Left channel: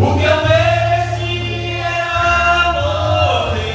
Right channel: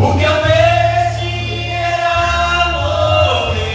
O que eu mereci era morrer.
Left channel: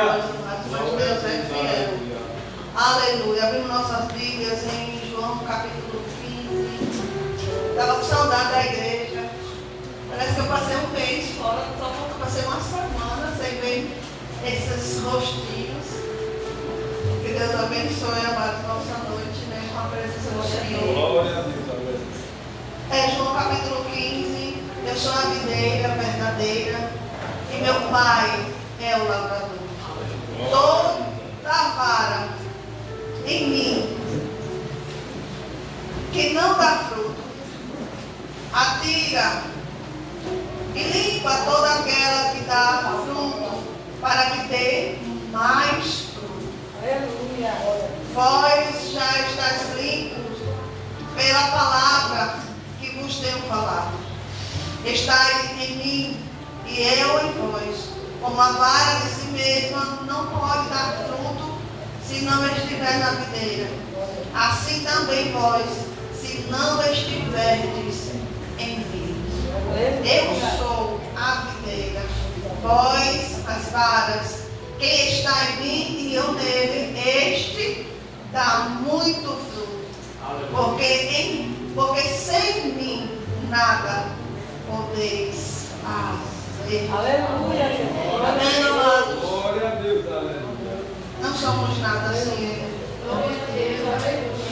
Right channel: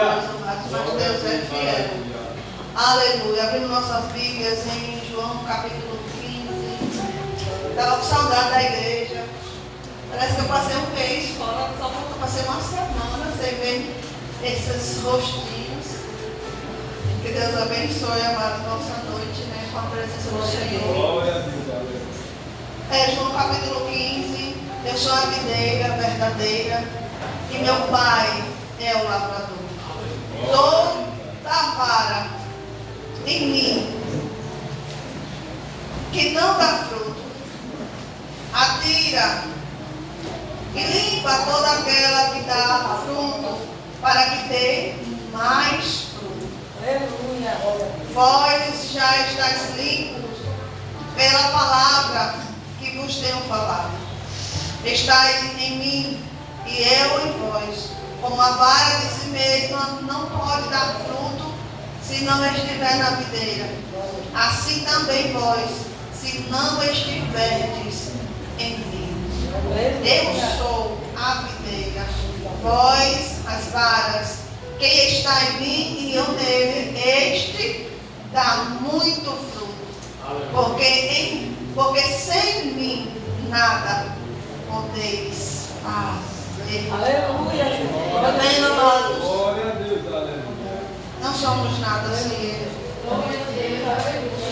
poderoso, mas Deus é fiel. Aleluia. Abrindo nossas Bíblias em João capítulo 15. Estava com saudade da igreja. Parece que eu passei um mês fora, só passei uma semana sem ver esses rostinhos. Que Deus abençoe, amados, nossa noite, né, com a presença do Senhor. Glória a Deus. João capítulo 15. Eu sou a videira verdadeira e meu Pai é o lavrador. Toda vara em mim que não dá fruto, atira e limpa toda aquela que dá fruto, para que dê mais fruto. Aleluia. Vós já estáis limpos pela palavra que vos tenho falado. Estáis em mim e eu em vós. Como a vara de si mesma não pode dar fruto se não estiver na videira, assim também vós, se não estiverdes em mim. Eu sou a videira, vós as varas. Quem está em mim e eu nele, este dá muito fruto. Porque sem mim nada podeis fazer. Aleluia, Jesus. Amém, amados? Glória a Deus, aleluia. Não somos nada sem Ele.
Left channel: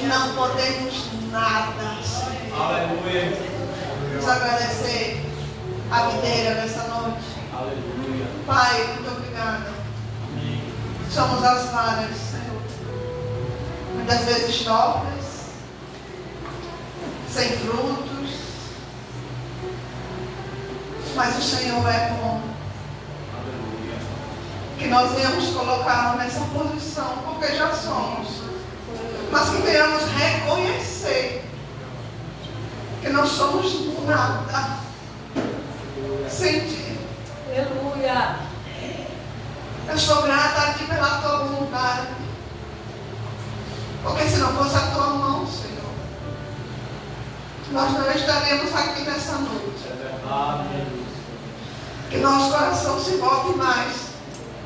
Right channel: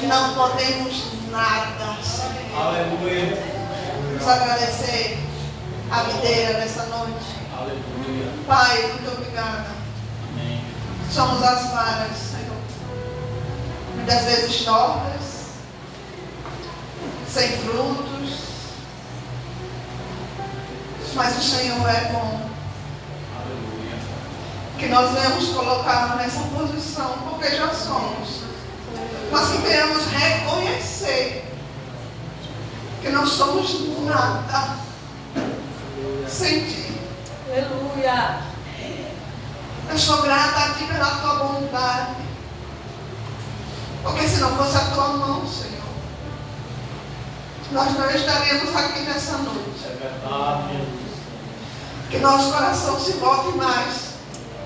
Não podemos nada sem Ele. Aleluia. Vamos agradecer a videira nessa noite. Aleluia. Pai, muito obrigada. Amém. Somos as varas, Senhor. Muitas vezes tortas, sem frutos. Mas o Senhor é bom. Aleluia. Que nós venhamos colocar nessa posição, porque já somos. Mas que venhamos reconhecer que não somos nada sem Ti. Aleluia. Eu sou grata a Ti pela Tua bondade. Porque se não fosse a Tua mão, Senhor, nós não estaríamos aqui nessa noite. É verdade, Jesus. Que nosso coração se volte mais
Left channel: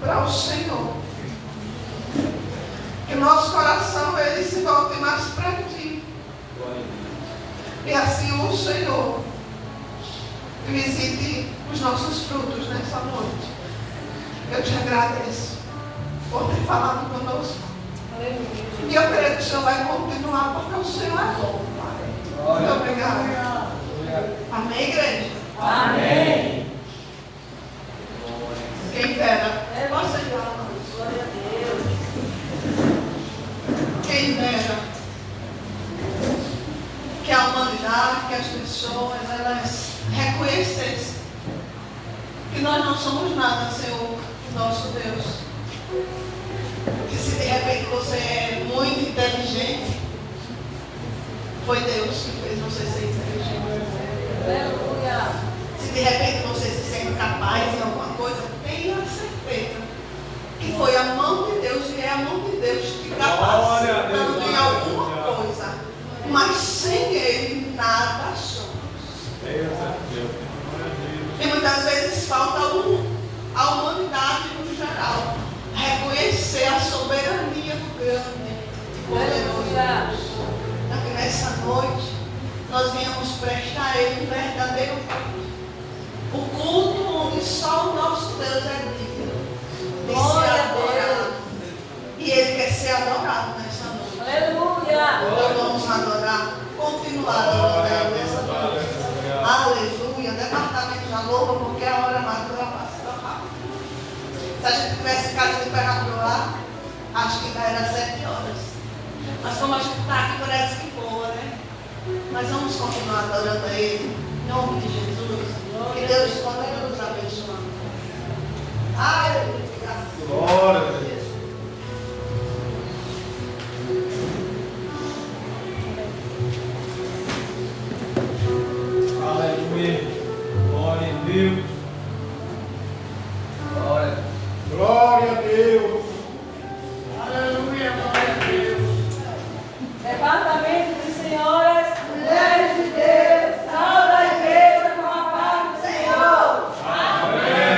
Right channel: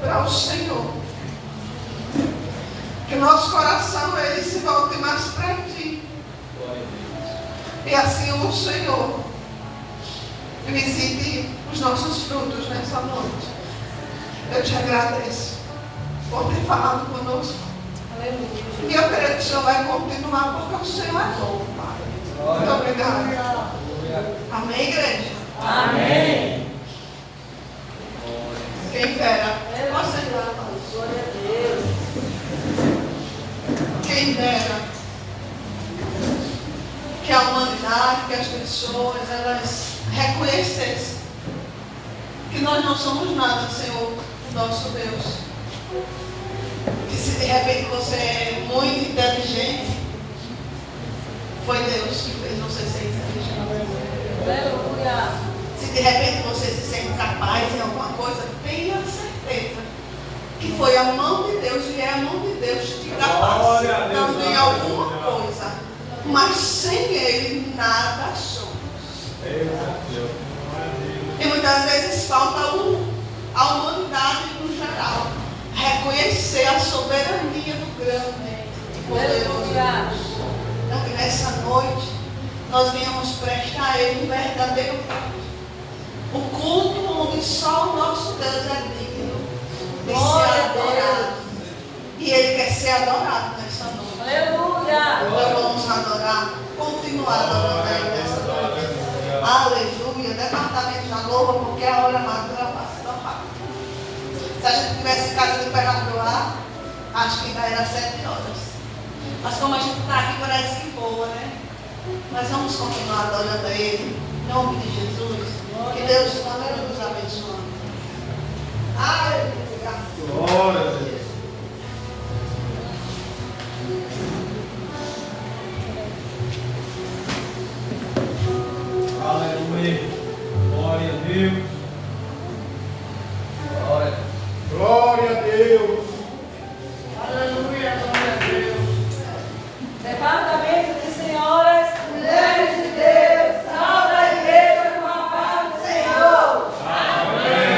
para o Senhor. Que nosso coração, ele se volte mais para Ti. Glória a Deus. E assim o Senhor visite os nossos frutos nessa noite. Eu te agradeço por ter falado conosco. E eu creio que o Senhor vai continuar, porque o Senhor é bom, Pai. Muito obrigada. Amém, igreja? Amém. Quem dera. Posso chegar, Glória a Deus. quem dera que a humanidade, que as pessoas, elas reconhecessem que nós não somos nada, Senhor, nosso Deus. Que se de repente você é muito inteligente, foi Deus que fez você ser inteligente. Aleluia. Se de repente você se sente capaz em alguma coisa, tenha certeza que foi a mão de Deus e é a mão de Deus que te capacitando em alguma coisa. Mas sem Ele nada somos. E muitas vezes falta a humanidade no geral reconhecer a soberania do grande e poderoso Deus. Para que nessa noite nós venhamos prestar a Ele um verdadeiro culto. O culto onde só o nosso Deus é digno de ser adorado. E Ele quer ser adorado nessa noite. Aleluia. Então vamos adorar, continuar adorando Ele nessa noite. Aleluia. Departamento da louva, porque a hora madura passa tão rápido. Se a gente tivesse casa de perna pro ar, acho que ainda era 7 horas. Mas como a gente está aqui, parece que boa, né? Mas vamos continuar adorando a Ele. Em nome de Jesus. Que Deus continue nos abençoando. Aleluia. Glória a Deus. Aleluia. Glória a Deus. Glória a Deus. Aleluia. Glória a Deus. Departamento de senhoras, mulheres de Deus, salve a igreja com a paz do Senhor. Amém.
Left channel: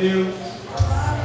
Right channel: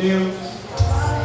Deus. Glória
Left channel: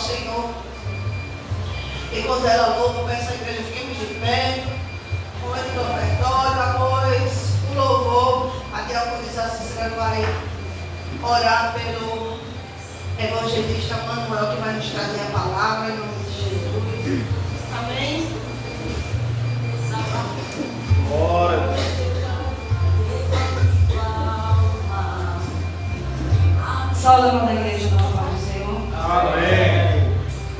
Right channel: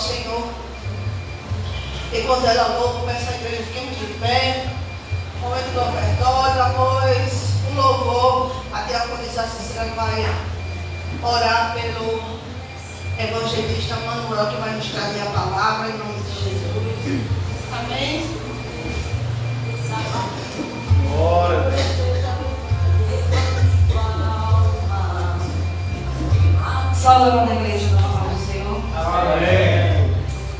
Senhor. Enquanto ela louva, peço à igreja fiquemos de pé. Momento do ofertório, após um louvor, a diaconisa Cícera vai orar pelo evangelista Manuel, que vai nos trazer a palavra em nome de Jesus. Amém? Glória a Deus. Salve a mão da igreja no nome do Senhor. Amém.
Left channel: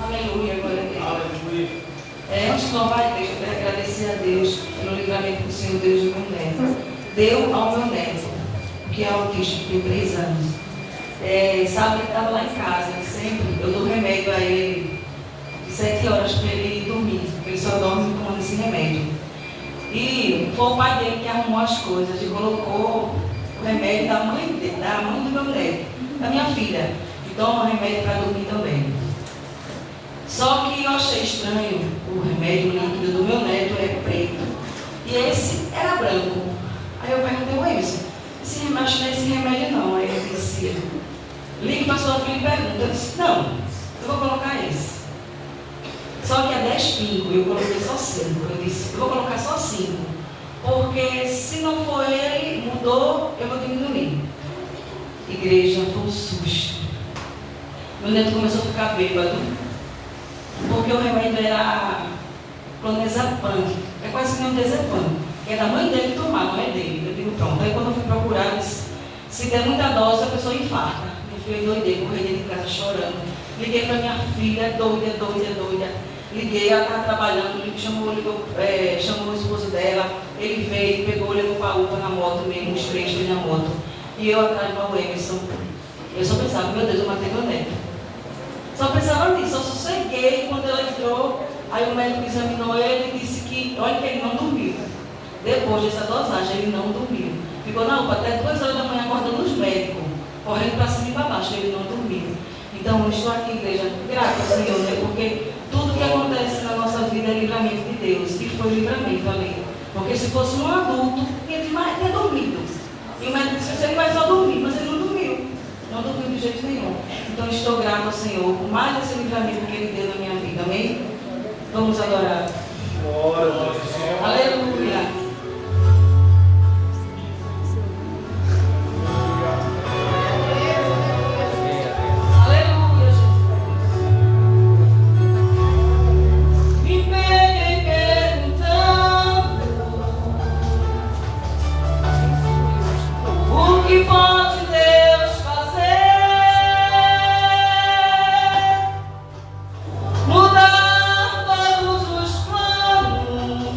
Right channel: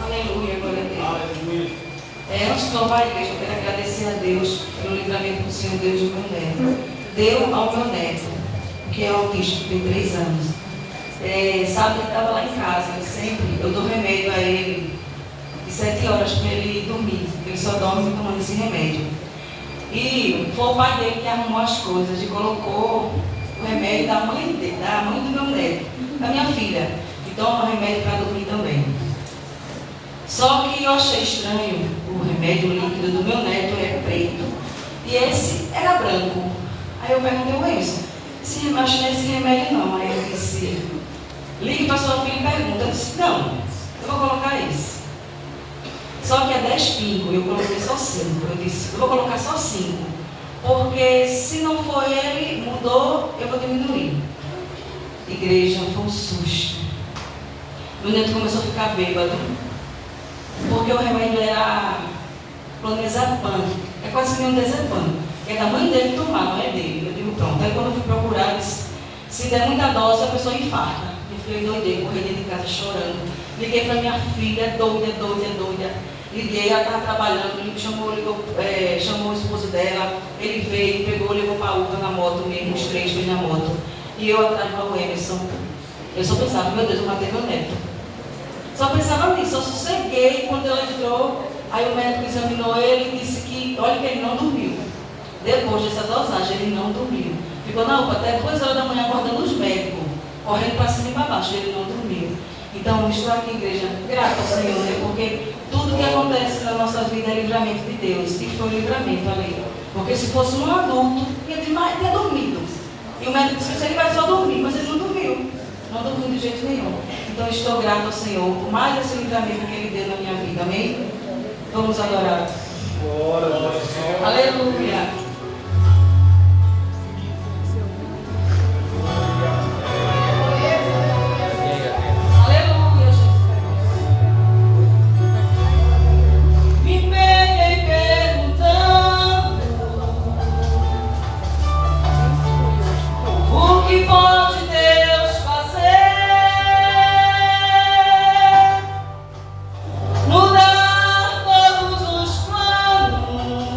Aleluia, glória a Deus. Aleluia. Antes de louvar a igreja, eu quero agradecer a Deus pelo livramento do Senhor Deus do meu neto. Deu ao meu neto, que é autista, tem 3 anos. Sábado ele estava lá em casa, eu dou remédio a ele de 7 horas para ele dormir, porque ele só dorme tomando esse remédio. E foi o pai dele que arrumou as coisas e colocou o remédio da mãe do meu neto, da minha filha, que toma remédio para dormir também. Só que eu achei estranho, o remédio líquido do meu neto é preto e esse era branco. Aí eu perguntei ao Wilson, acho que não é esse remédio não. Aí ele disse, ligue para sua filha e pergunta. Eu disse, não, eu vou colocar esse. Só que é 10 pingos, eu coloquei só 5. Eu disse, eu vou colocar só 5, porque se não for ele, mudou, eu vou diminuir. Igreja, foi um susto. Meu neto começou a ficar bêbado, porque o remédio era clonazepam, é quase que nem um dezepam, é da mãe dele tomar, não é dele. Eu digo, pronto. Aí quando eu fui procurar, eu disse, se der muita dose, a pessoa infarta. Eu fui doidei, corri de casa chorando. Liguei para minha filha, doida. Liguei, ela estava trabalhando, chamou o esposo dela, ele veio, pegou, levou para a UPA na moto mesmo, os 3 foi na moto. E eu atrás do Emerson. Eu só pensava, meu Deus, eu matei meu neto. Só pensava nisso, eu sosseguei quando ela entrou, aí o médico examinou ele e disse que, olha que ele não dormiu. Depois dessa dosagem, ele não dormiu. Ficou na UPA até 2 horas da manhã acordando os médicos, correndo para cima e para baixo, ele não dormiu. Então, eu estou aqui, igreja, grata ao Senhor, né? Porque tudo que acontece na nossa vida é livramento de Deus, e foi livramento ali. Porque se fosse um adulto, ele tinha dormido. E o médico disse, ele vai só dormir, mas ele não dormiu. Não dormiu de jeito nenhum. Então, eu estou grato ao Senhor por mais esse livramento que Ele deu na minha vida. Amém? Vamos adorar. Glória ao Senhor. Aleluia. Mudar todos os planos.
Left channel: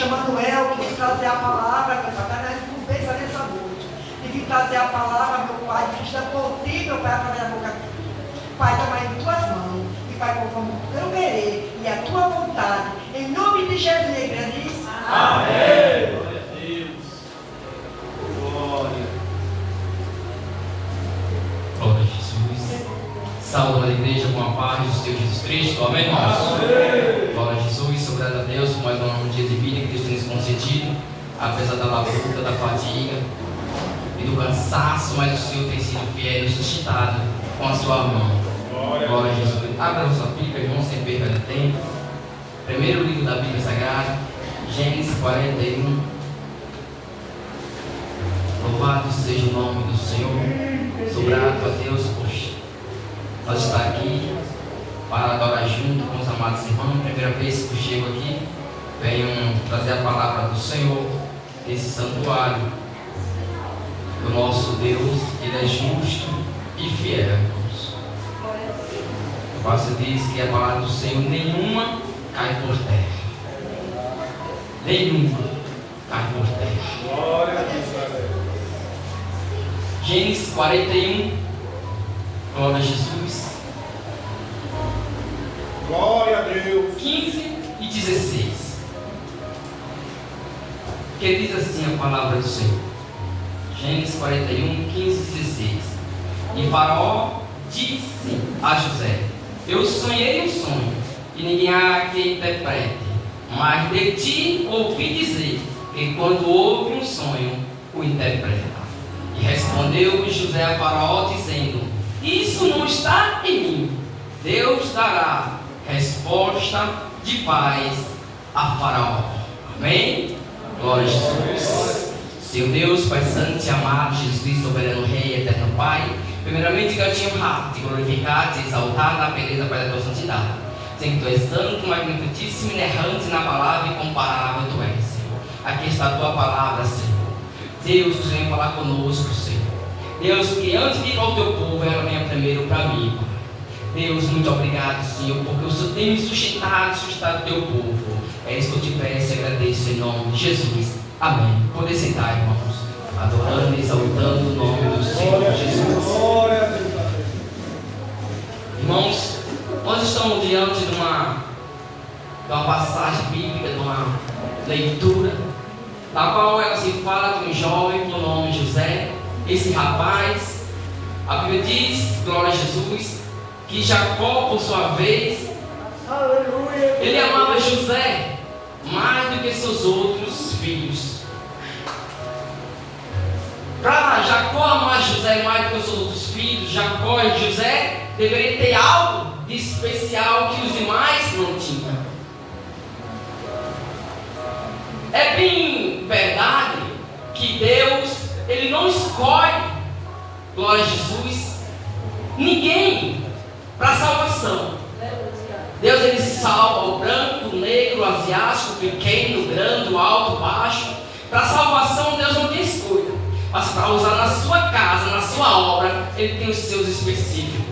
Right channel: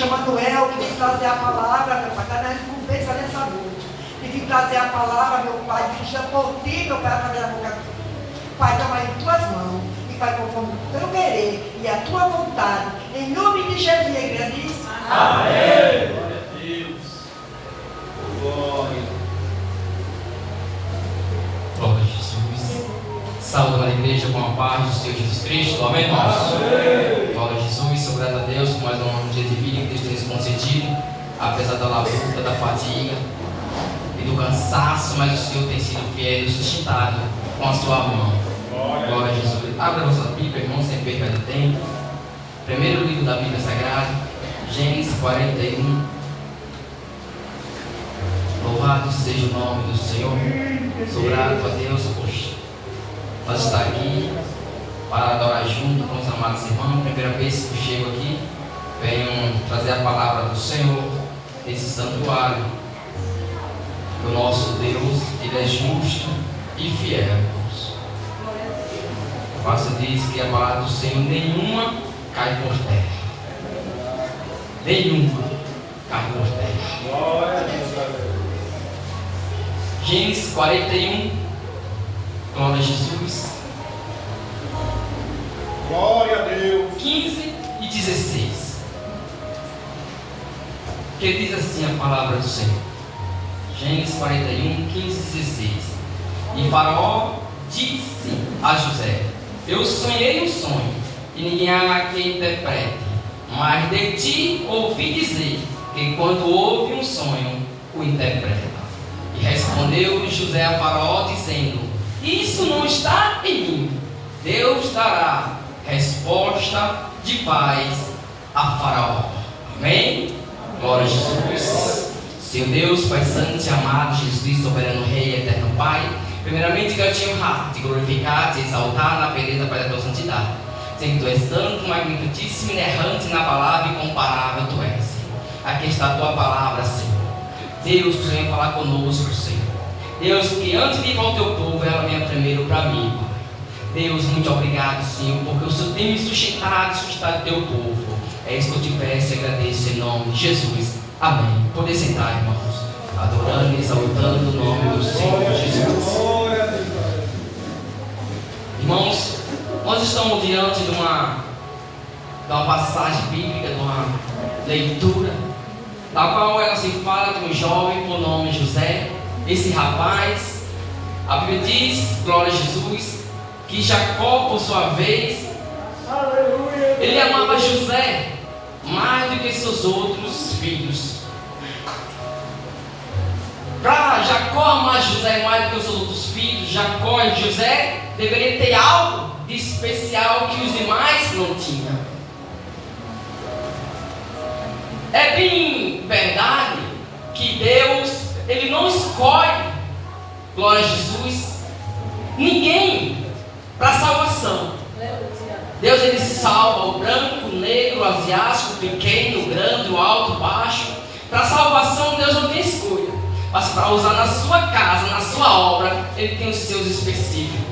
pastor Manuel, que vem trazer a palavra, meu pai, cada conversa nessa noite. E vem trazer a palavra, meu pai, que já por ti, meu pai, através da boca. Pai, dá mais em tuas mãos. E Pai, conforme o teu querer e a tua vontade. Em nome de Jesus, a igreja diz. Amém. Glória a Deus. Glória. Glória a Jesus. Saúde a igreja com a paz do Senhor Jesus Cristo. Amém, irmãos? Glória a Jesus. Sou grato a Deus por mais um dia de vida que Deus tem nos concedido. Apesar da luta, da fadiga e do cansaço, mas o Senhor tem sido fiel e sustentado com a sua mão. Glória a Jesus. Abra a sua Bíblia, irmão, sem perda de tempo. Primeiro livro da Bíblia Sagrada, Gênesis 41. Louvado seja o nome do Senhor. Sou grato a Deus por nós estar aqui para adorar junto com os amados irmãos. Primeira vez que eu chego aqui, venho trazer a palavra do Senhor desse santuário. O nosso Deus, Ele é justo e fiel. O pastor diz que a palavra do Senhor nenhuma cai por terra. Nenhuma cai por terra. Glória a Deus. Gênesis 41. Glória a Jesus. Glória a Deus. 15 e 16. Que diz assim a palavra do Senhor. Gênesis 41, 15 e 16. E Faraó disse a José: eu sonhei um sonho, e ninguém há que interprete, mas de ti ouvi dizer que quando ouve um sonho, o interpreta. E respondeu José a Faraó, dizendo: isso não está em mim. Deus dará resposta de paz a Faraó. Amém? Glória a Jesus. Seu Deus, Pai Santo e amado, Jesus Cristo, soberano Rei, eterno Pai, primeiramente que eu te honrar, te glorificar, te exaltar na beleza da tua santidade. Sei que tu és santo, magnificíssimo, inerrante na palavra e comparável tu és, Senhor. Aqui está a tua palavra, Senhor. Deus, que vem falar conosco, Senhor. Deus, que antes de ir ao teu povo, ela venha primeiro para mim, Pai. Deus, muito obrigado, Senhor, porque o Senhor tem me sustentado o teu povo. É isso que eu te peço e agradeço em nome de Jesus. Amém. Poder sentar, irmãos, adorando e exaltando o nome do Senhor Jesus. Glória a Deus. Irmãos, nós estamos diante de uma passagem bíblica, de uma leitura, da qual ela se fala de um jovem por nome José. Esse rapaz, a Bíblia diz, glória a Jesus, que Jacó, por sua vez, ele amava José mais do que seus outros filhos. Para Jacó amar José mais do que os seus outros filhos, Jacó e José deveriam ter algo de especial que os demais não tinham. É bem verdade que Deus, Ele não escolhe, glória a Jesus, ninguém para salvação. Deus, Ele salva o branco, o negro, o asiático, o pequeno, o grande, o alto, o baixo. Para salvação, Deus não tem escolha. Mas para usar na sua casa, na sua obra, Ele tem os seus específicos.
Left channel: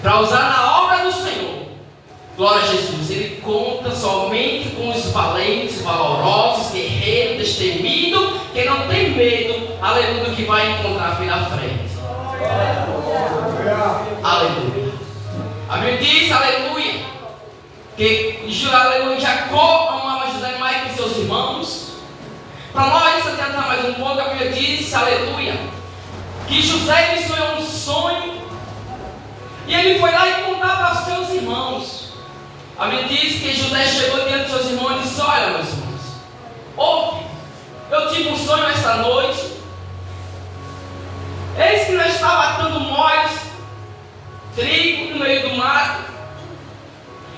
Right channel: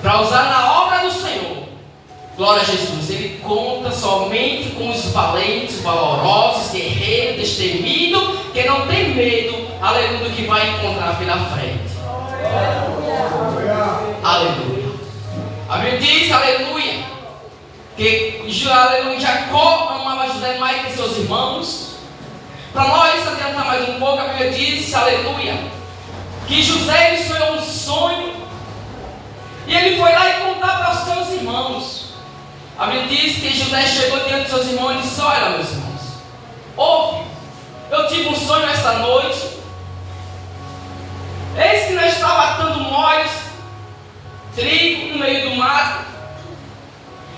Para usar na obra do Senhor, glória a Jesus, Ele conta somente com os valentes, valorosos, guerreiros, destemidos, que não tem medo, aleluia, do que vai encontrar pela frente. Aleluia. A Bíblia diz, aleluia, que aleluia, Jacó amava José mais que seus irmãos. Para nós adiantar mais um pouco, a Bíblia diz, aleluia, que José sonhou um sonho e ele foi lá e contar para os seus irmãos. A Bíblia diz que José chegou diante dos seus irmãos e disse: olha, meus irmãos, ouve, eu tive um sonho esta noite. Eis que nós estávamos atando molhos, trigo no meio do mato,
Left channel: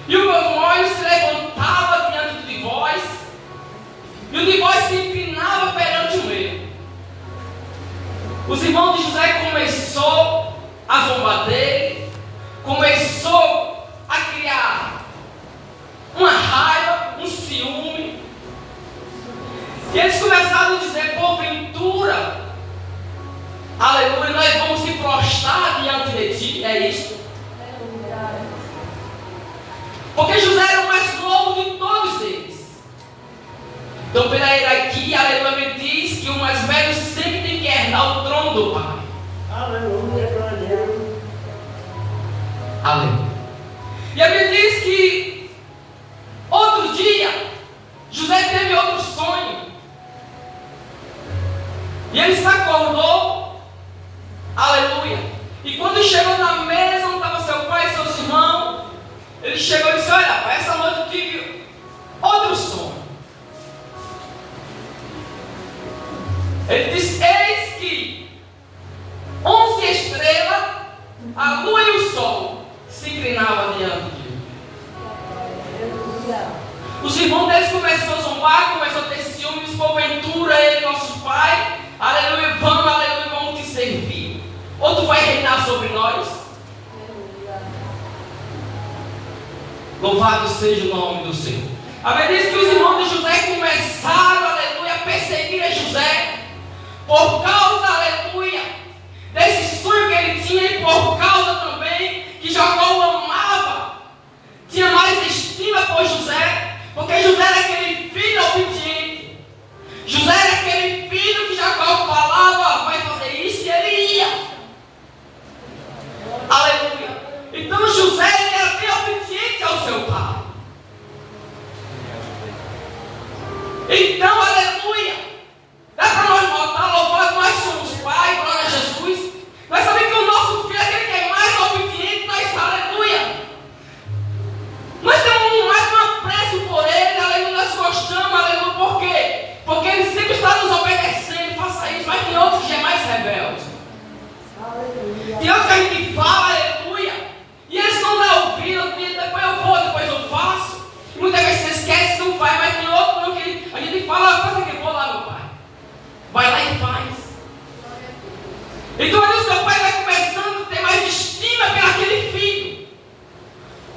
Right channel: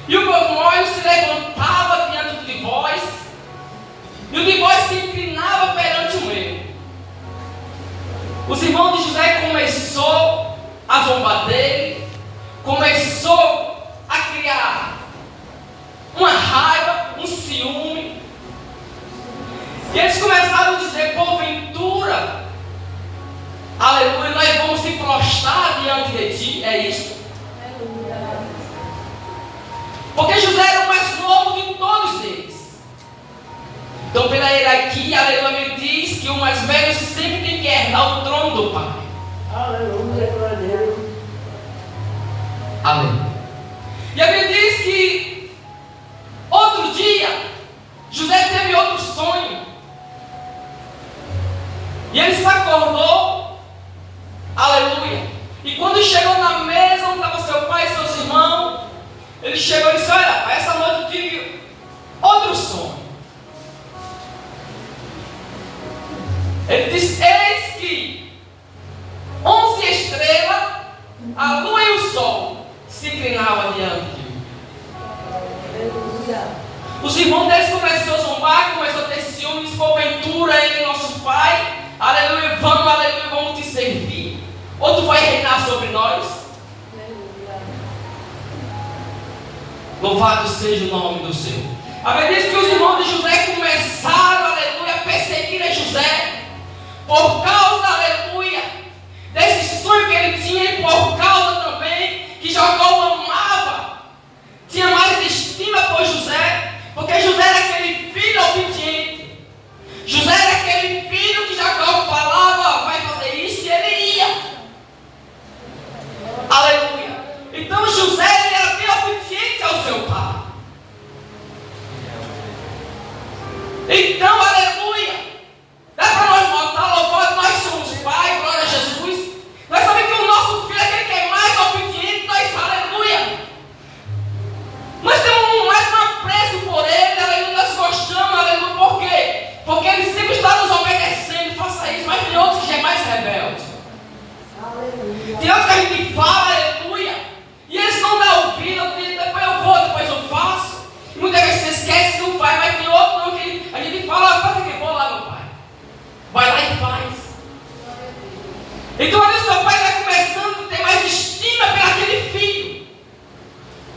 e o meu molho se levantava diante de vós, e o de vós se inclinava perante o meu. Os irmãos de José começou a zombar dele, começou a criar uma raiva, um ciúme, e eles começaram a dizer: porventura, aleluia, nós vamos se prostrar diante de ti. É isto. Porque José era o mais novo de todos eles. Então, pela hierarquia, aleluia, me diz que o mais velho sempre tem que herdar o trono do pai. Aleluia, glória a Deus. Aleluia. E a Bíblia diz que outro dia, José teve outro sonho. E ele se acordou, aleluia. E quando chegou na mesa, onde estava seu pai e seus irmãos, ele chegou e disse: olha, essa noite eu tive outro sonho. Ele disse: eis que 11 estrelas, a lua e o sol se inclinavam diante de mim. Os irmãos deles começaram a zombar, começaram a ter ciúmes, porventura ele é nosso pai, aleluia, vamos te servir. Ou tu vai reinar sobre nós? Louvado seja o nome do Senhor. A Bíblia diz que os irmãos de José começaram, aleluia, a perseguir a José. Por causa, aleluia, desse sonho que ele tinha, e por causa também que Jacó o amava, tinha mais estima por José, porque José era aquele filho obediente. José era aquele filho que Jacó falava: vai fazer isso, e ele ia. Aleluia. Então José era bem obediente ao seu pai. Então, aleluia, dá para nós notar, louvado, nós somos pai, glória a Jesus. Nós sabemos que o nosso filho é aquele que é mais obediente, nós, aleluia. Nós temos mais um apreço por ele, aleluia, nós gostamos, aleluia, por quê? Porque ele sempre está nos obedecendo, faça isso, mas tem outros que já é mais rebelde. Tem outros que a gente fala, aleluia, e eles não dão ouvido, depois eu vou, depois eu faço. E muitas vezes você esquece, não faz, mas tem outro não, que a gente fala: faz o que for lá, meu pai. Vai lá e faz. Então ali o seu pai vai começando a ter mais estima pelaquele filho,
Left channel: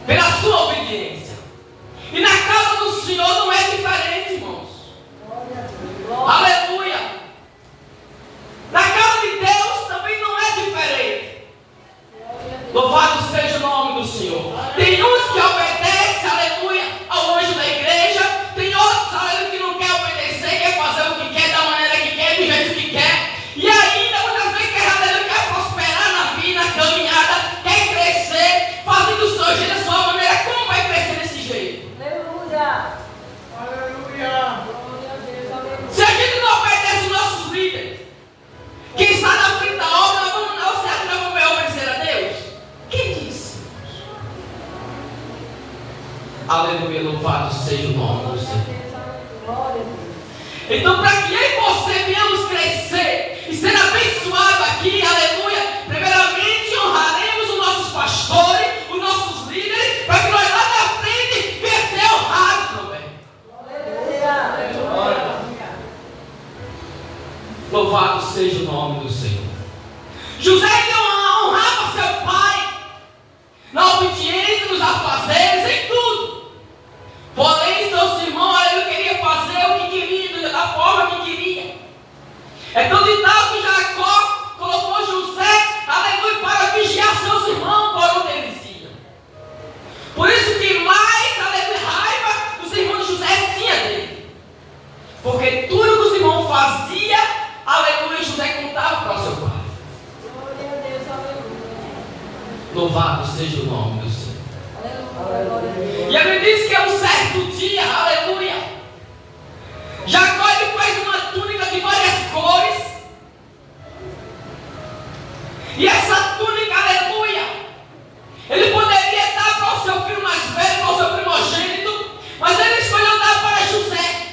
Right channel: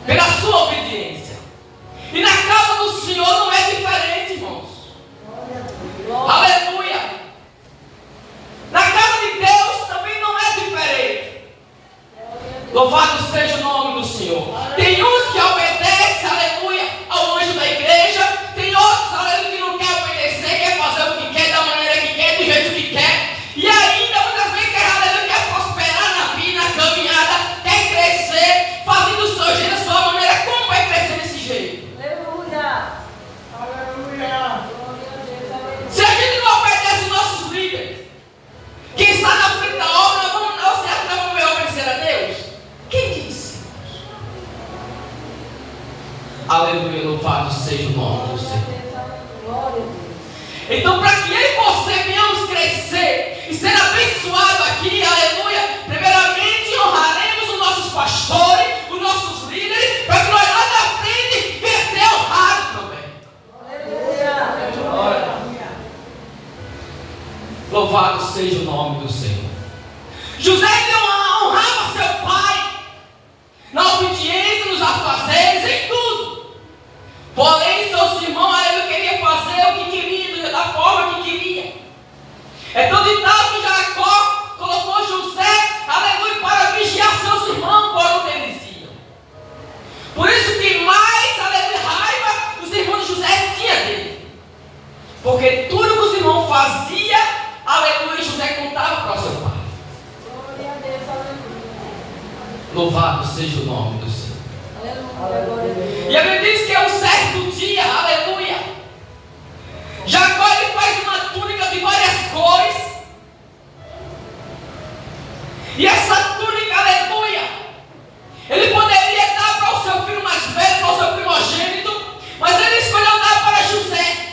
pela sua obediência. E na casa do Senhor não é diferente, irmãos. Aleluia. Na casa de Deus também não é diferente. Louvado seja o nome do Senhor. Tem uns que obedecem, aleluia, ao anjo da igreja. Tem outros, aleluia, que não quer obedecer, quer fazer o que quer, da maneira que quer, do jeito que quer. E ainda muitas vezes quer prosperar na vida, na caminhada, quer crescer, fazendo o seu jeito, da sua maneira. Como vai crescer desse jeito? Aleluia. Se a gente não obedece os nossos líderes, quem está na frente da obra, nós vamos obedecer a Deus? Quem disse? Aleluia, louvado seja o nome do Senhor. Então, para que eu e você venhamos crescer e ser abençoado aqui, aleluia, primeiramente honraremos os nossos pastores, os nossos líderes, para que nós lá na frente venhamos ser honrados também. Louvado seja o nome do Senhor. José não honrava seu pai na obediência, nos afazeres, em tudo. Porém, seus irmãos, ele queria fazer o que queria, da forma que queria. É tão de tal que Jacó colocou José, aleluia, para vigiar seus irmãos por onde eles iam. Por isso que mais, aleluia, raiva os irmãos de José tinham dele. Porque tudo que os irmãos faziam, aleluia, José contava para o seu pai. Louvado seja o nome do Senhor. E a Bíblia diz que é um certo dia, aleluia, Jacó ele faz uma túnica de várias cores. E essa túnica, aleluia, ele poderia dar para o seu filho mais velho, para o seu primogênito, mas ele escolheu dar para José,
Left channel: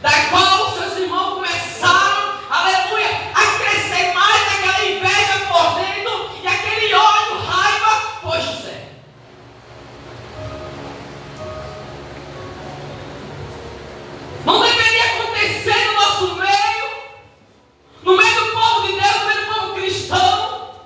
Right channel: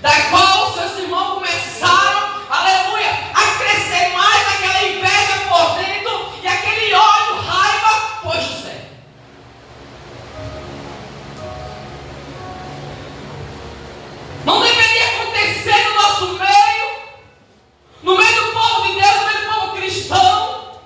da qual seus irmãos começaram, aleluia, a crescer mais aquela inveja por dentro e aquele ódio, raiva por José. Não deveria acontecer no nosso meio, no meio do povo de Deus, no meio do povo cristão,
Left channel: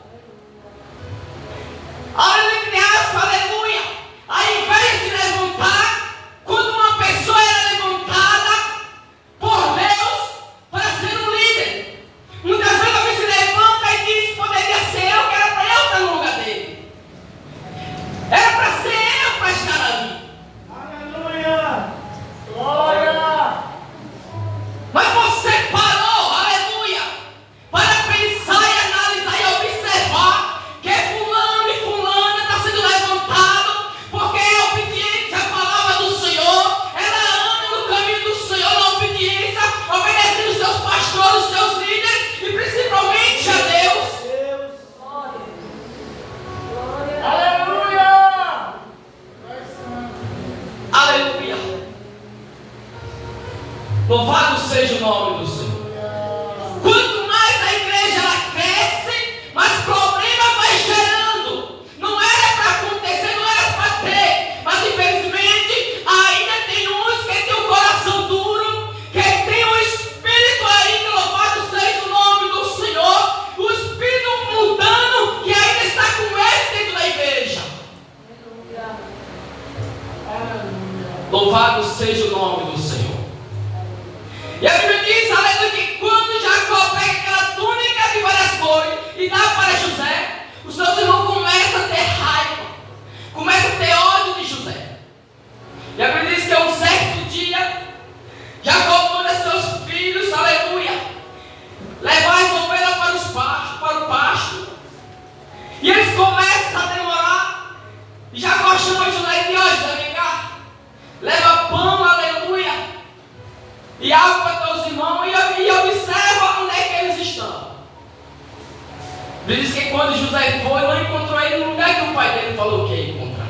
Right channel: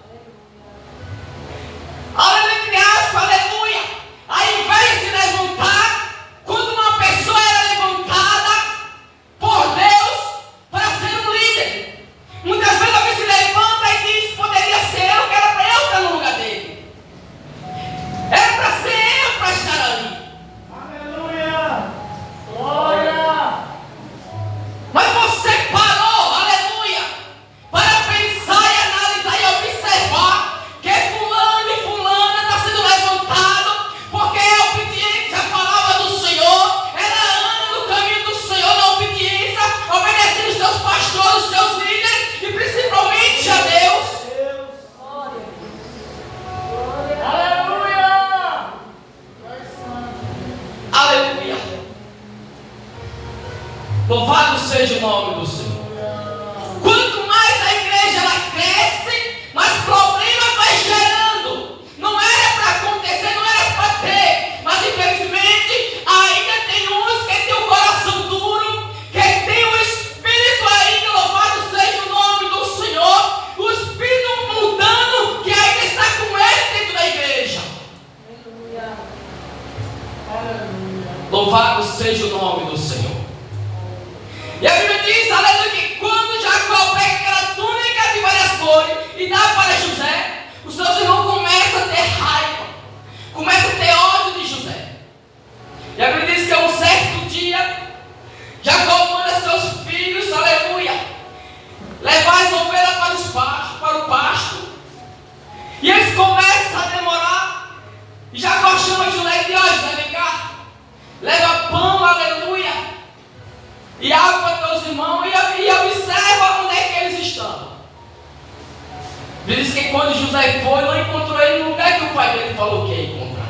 Diz que quando José foi, não encontrou ele no lugar que o pai dele falou que ia encontrar.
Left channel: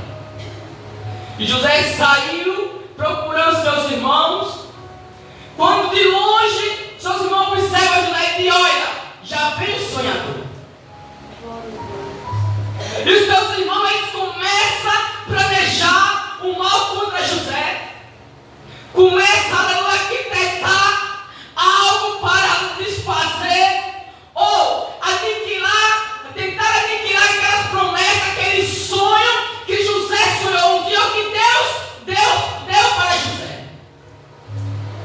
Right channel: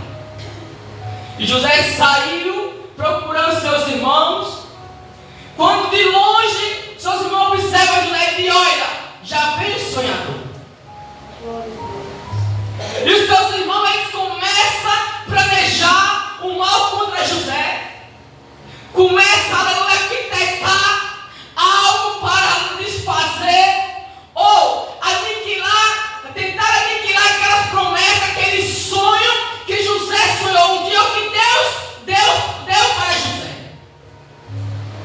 E José saiu procurando seus irmãos. Quando de longe, seus irmãos observam José e dizem: olha, já veio o sonhador. E os seus irmãos eles começam a planejar o mal contra José. Começam a arquitetar algo para desfazer ou tentar aniquilar aquelas promessas, aquele sonho que José sonhou um dia, o que Deus deu para José.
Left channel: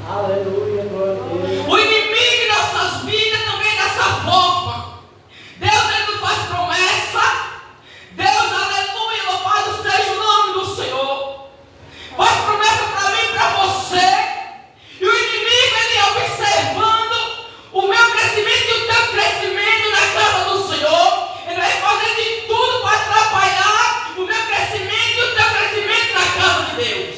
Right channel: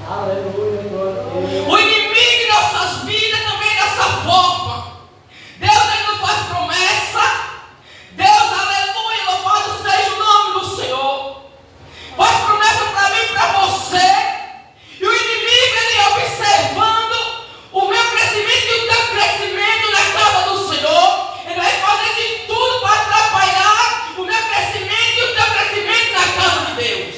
Aleluia, glória a Deus. O inimigo em nossas vidas também é dessa forma. Deus ele não faz promessa. Deus, aleluia, louvado seja o nome do Senhor. Faz promessa para mim e para você. E o inimigo ele observando o meu crescimento e o teu crescimento na casa do Senhor. Ele vai fazer de tudo para atrapalhar o meu crescimento e o teu crescimento na casa de Deus.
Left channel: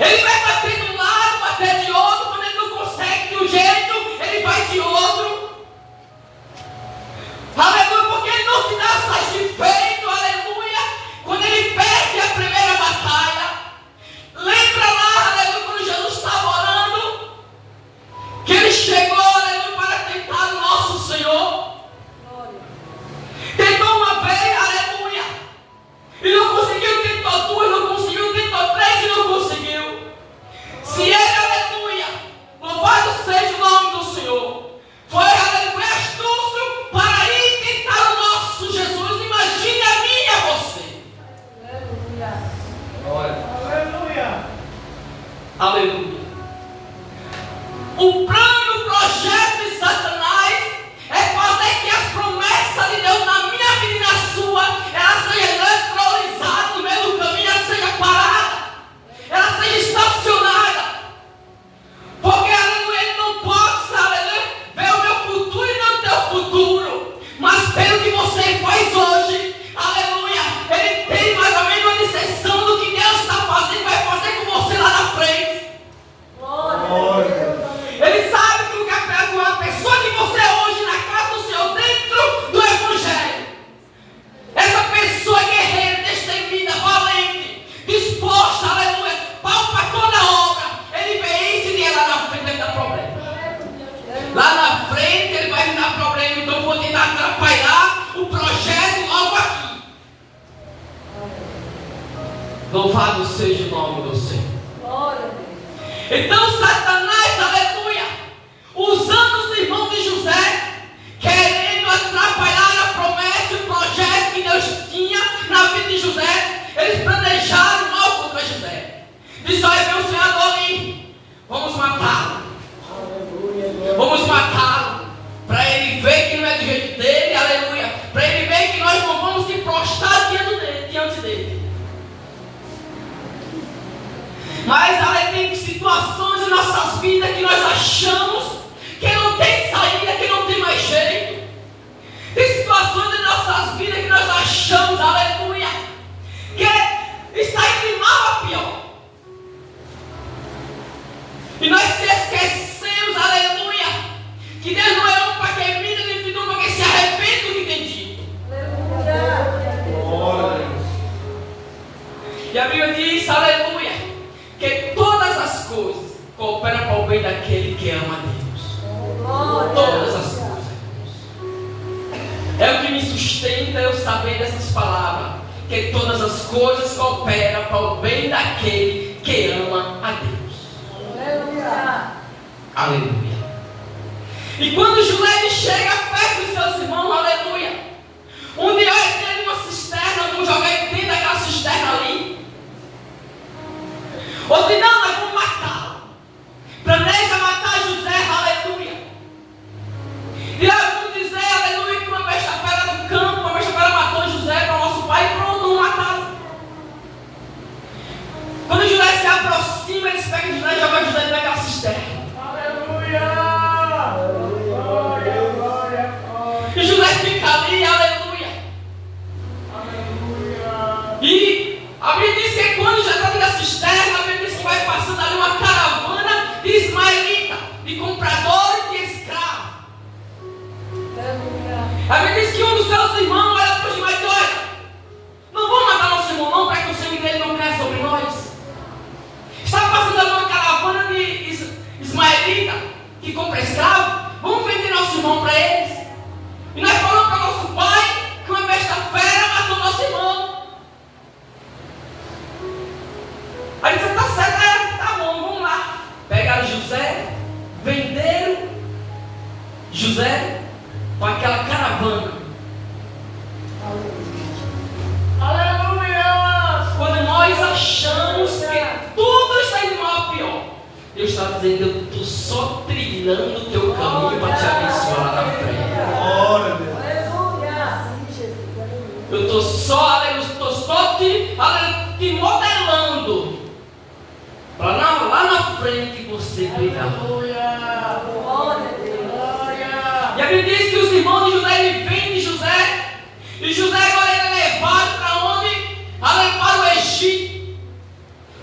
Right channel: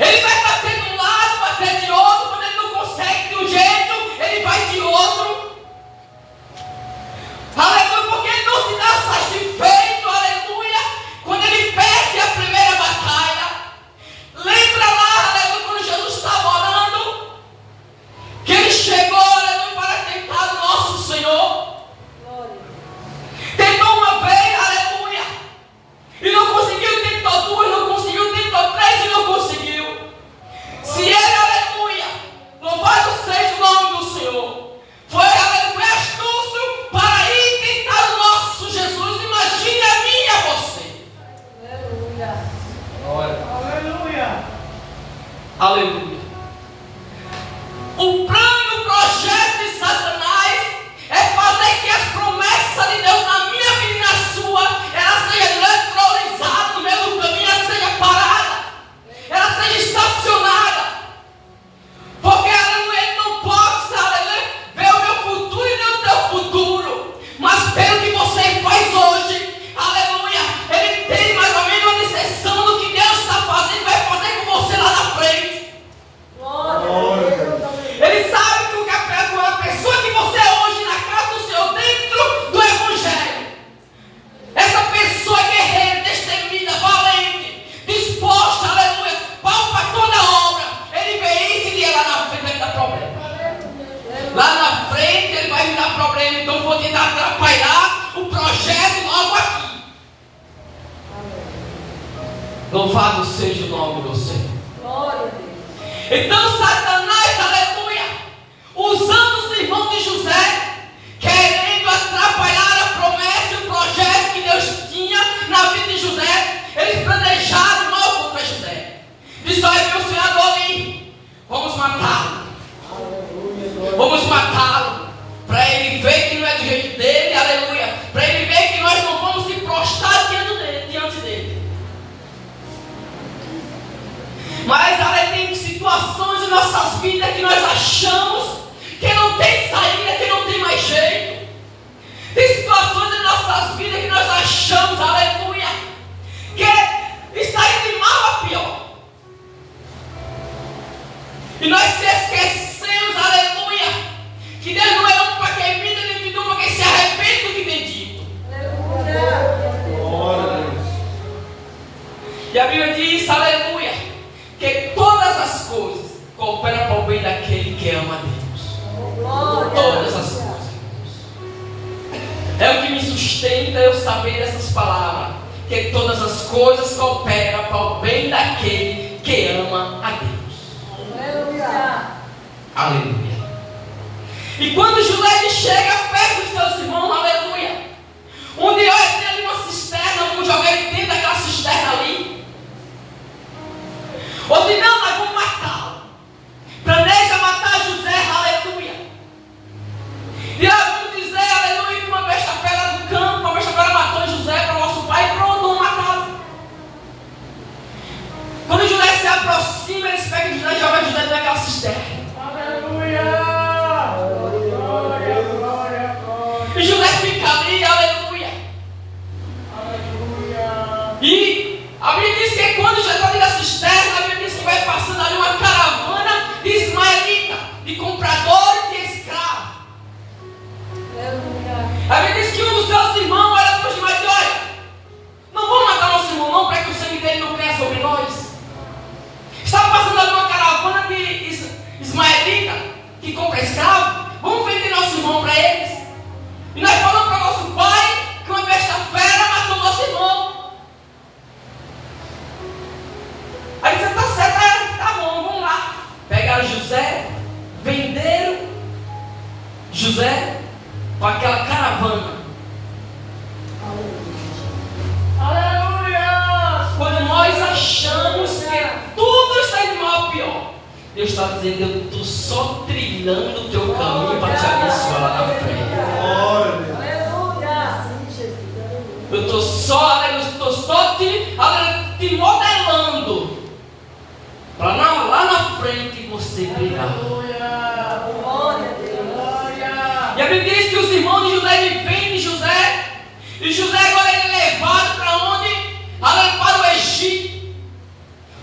Ele vai bater de um lado, bater de outro. Quando ele não consegue de um jeito, ele vai de outro. Aleluia, porque ele não se dá satisfeito, aleluia, quando ele perde a primeira batalha. Lembra lá, aleluia, quando Jesus estava orando, que ele chegou, aleluia, para tentar o nosso Senhor. Tentou uma vez, aleluia, e não conseguiu, tentou duas, não conseguiu, tentou três e não conseguiu. Se ele, aleluia, louvado seja o nome do Senhor, foi, aleluia, astúcio para ir tentar o nosso Jesus. Imagine a mim e a você. Aleluia. Aleluia. O plano, o projeto de Satanás é fazer que as promessas de Deus na minha vida e na sua, ela seja neutralizada no meio do caminho, ela seja parada, ela seja estacionada. Porque, aleluia, ele não pode, aleluia, ver o meu futuro e não o teu futuro. Mas pelo que você faz hoje, aleluia, ele tem mais ou menos uma disseção do que Deus está fazendo, vai fazer com você lá na frente. Ele sabe que a pessoa que você é hoje na casa do Senhor, dentro do Evangelho, essa pessoa é guerreira, destemida, valente, disposta, aleluia, para toda a obra. Ele vê isso e lá na frente ele dá problema. Lá na frente ele vai me dar problema, então eu vou tentar atrapalhar o projeto logo aqui. Louvado seja o nome do Senhor. Então Satanás, aleluia, usando os irmãos de José, querendo atrapalhar a promessa e o projeto que Deus tinha na vida de José, eles planejaram mal contra José. Disse: olha, meu sonhador ali, vamos matá-lo. Vamos matá-lo, para ele ver que não é do jeito dele, aleluia, para ele ver que nós não vamos se prostrar diante dele. Mas, aleluia, tem situações em nossas vidas que nós achamos que não tem saída, que não tem mais jeito. Tem situações em nossas vidas que nós achamos, aleluia, que está indo de mal a pior. E nós se esquecemos, aleluia, que Deus não é um para quem imita, nem que para quem se arrepende do que tem dito. E a Bíblia diz, aleluia, que todas as coisas cooperam para o bem daquele que ama a Deus. Todas as coisas. É o que me sustenta eu saber dessas palavras, que todas as coisas cooperam para o bem daquele que ama a Deus. Aleluia. E quando José chega perto dos seus irmãos, aleluia, um dia ele tem uma cisterna, vamos jogar ele dentro daquela cisterna ali. Outro não, nós vamos matá-lo. Planeja matar José, aleluia. E nós vamos dizer, aleluia, que uma besta-feira do campo, uma besta-feira matou José para o nosso pai e pronto, vamos matá-lo. Quando José se aproxima, eles pegam José e jogam José dentro daquela cisterna. Aleluia. Glória, glória. José, com aquela caravana. Aleluia! Quando nós achamos que tudo está indo mal a pior, Deus está dizendo: eu estou só trilhando o teu caminho para te abençoar na frente. Glória a Deus. Eu estou só te modelando para lá na frente você brilhar. E a Bíblia diz que os irmãos de José vêm de José, e José agora ele é levado para onde? Para o Egito.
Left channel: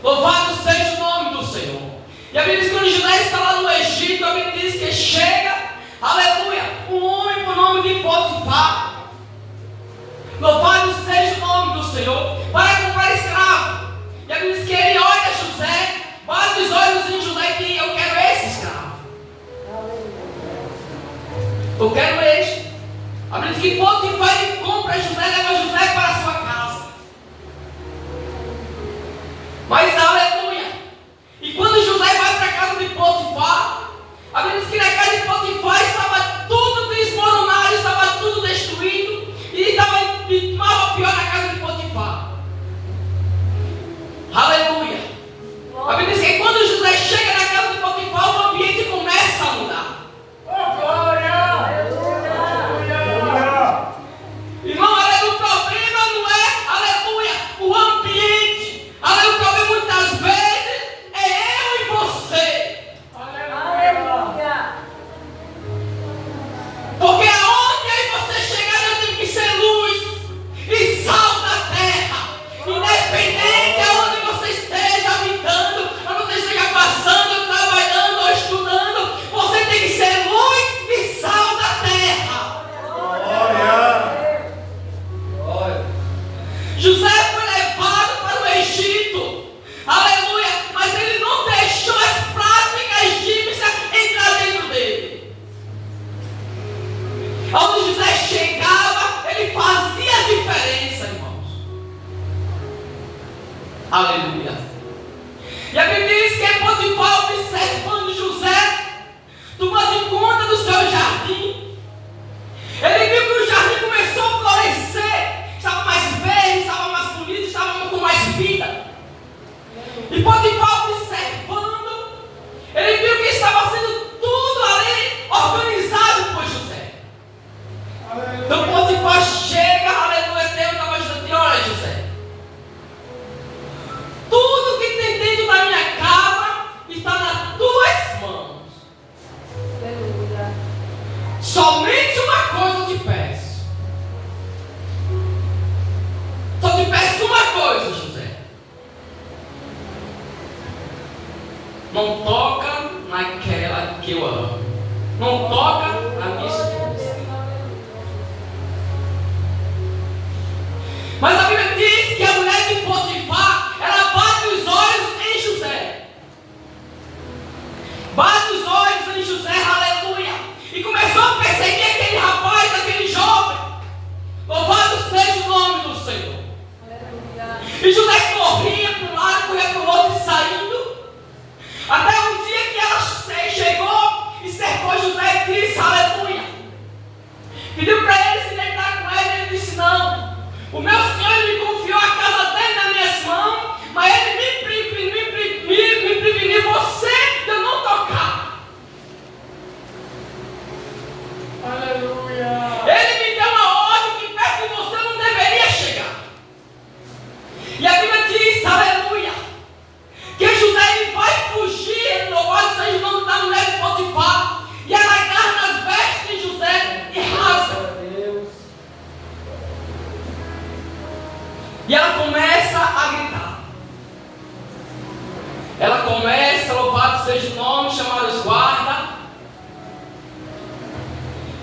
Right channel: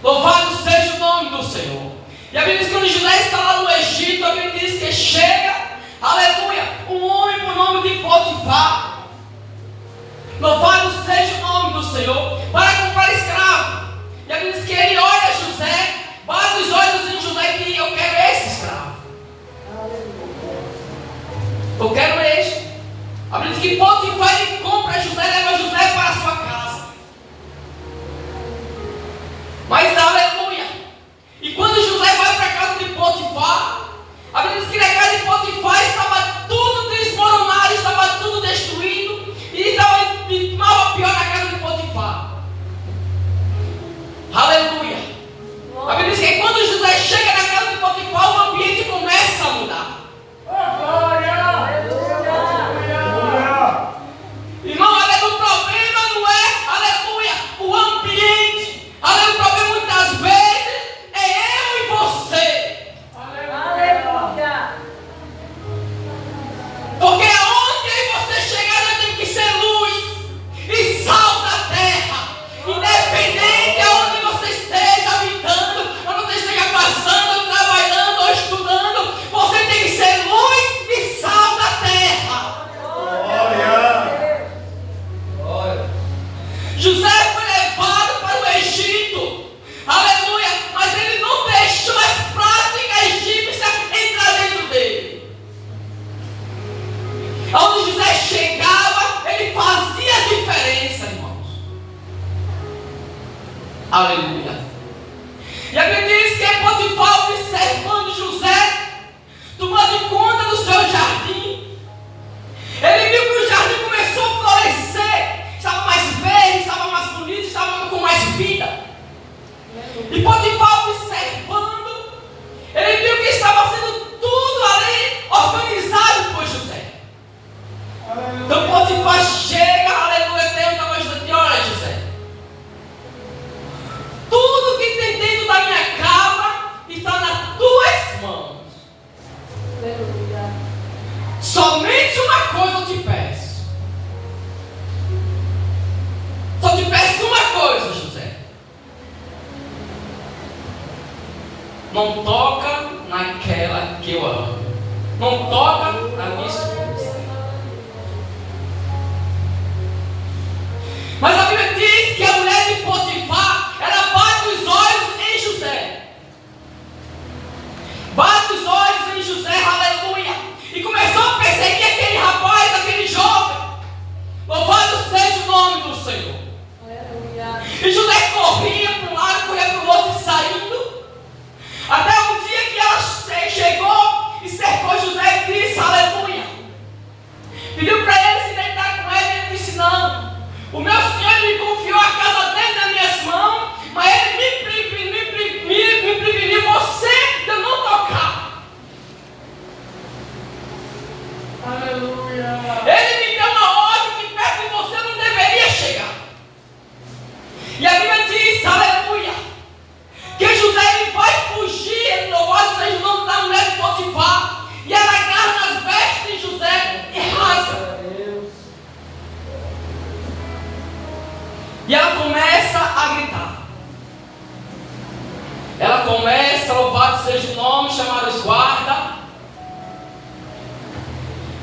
Louvado seja o nome do Senhor. E a Bíblia diz que quando José está lá no Egito, a Bíblia diz que chega, aleluia, um homem por nome de Potifar. Louvado seja o nome do Senhor, para comprar escravo. E a Bíblia diz que ele olha José, bate os olhos em José e diz: eu quero esse escravo. Eu quero este. A Bíblia diz que Potifar ele compra José e leva José para a sua casa. Mas aleluia. E quando José vai para a casa de Potifar, a Bíblia diz que na casa de Potifar estava tudo desmoronado, estava tudo destruído. E estava de mal a pior na casa de Potifar. Aleluia. A Bíblia diz que quando José chega na casa de Potifar, o ambiente começa a mudar. Irmão, aleluia, o problema não é, aleluia, o ambiente. Aleluia, o problema muitas vezes é eu e você. Aleluia. Porque aonde eu e você chegar, nós temos que ser luz e sal da terra. Independente aonde você esteja habitando, onde você esteja passando, trabalhando ou estudando, você tem que ser luz e sal da terra. José foi levado para o Egito, aleluia, mas ele não deixou as práticas egípcias entrar dentro dele. Onde José chegava, ele fazia a diferença, irmãos. Aleluia. E a Bíblia diz que Potifar, observando José, tomando conta do seu jardim, ele viu que o jardim começou a florescer, estava mais verde, estava mais bonito, estava com mais vida. E Potifar, observando, ele viu que estava sendo tudo ali organizado por José. Então Potifar chega, aleluia, Deus estava ajudando. Olha, José, tudo que tem dentro da minha casa está nas tuas mãos. Somente uma coisa eu te peço. Só te peço uma coisa, José. Não toca naquela que eu amo. Não toca na minha esposa. Mas a Bíblia diz que a mulher de Potifar, ela bate os olhos em José. Bate os olhos em José, aleluia. E começou a perseguir aquele rapaz, aquele jovem. Louvado seja o nome do Senhor. E José corria para um lado, corria para o outro, saindo. Até um dia que ela chegou e cercou José e disse: aleluia. Pediu para ele se deitar com ele. Ele disse: não. O meu Senhor me confiou a casa dele nas minhas mãos, mas ele me preveniu você de eu não tocar. Aleluia. Ele me deu uma ordem que perto de você não deveria chegar. E a Bíblia diz, aleluia, que José ele vai fugir, louvado seja o nome da mulher de Potifar, e ela agarra nas vestes de José e rasga. E ela começa a gritar. Ela começa, louvado seja o nome, chamar os guardas.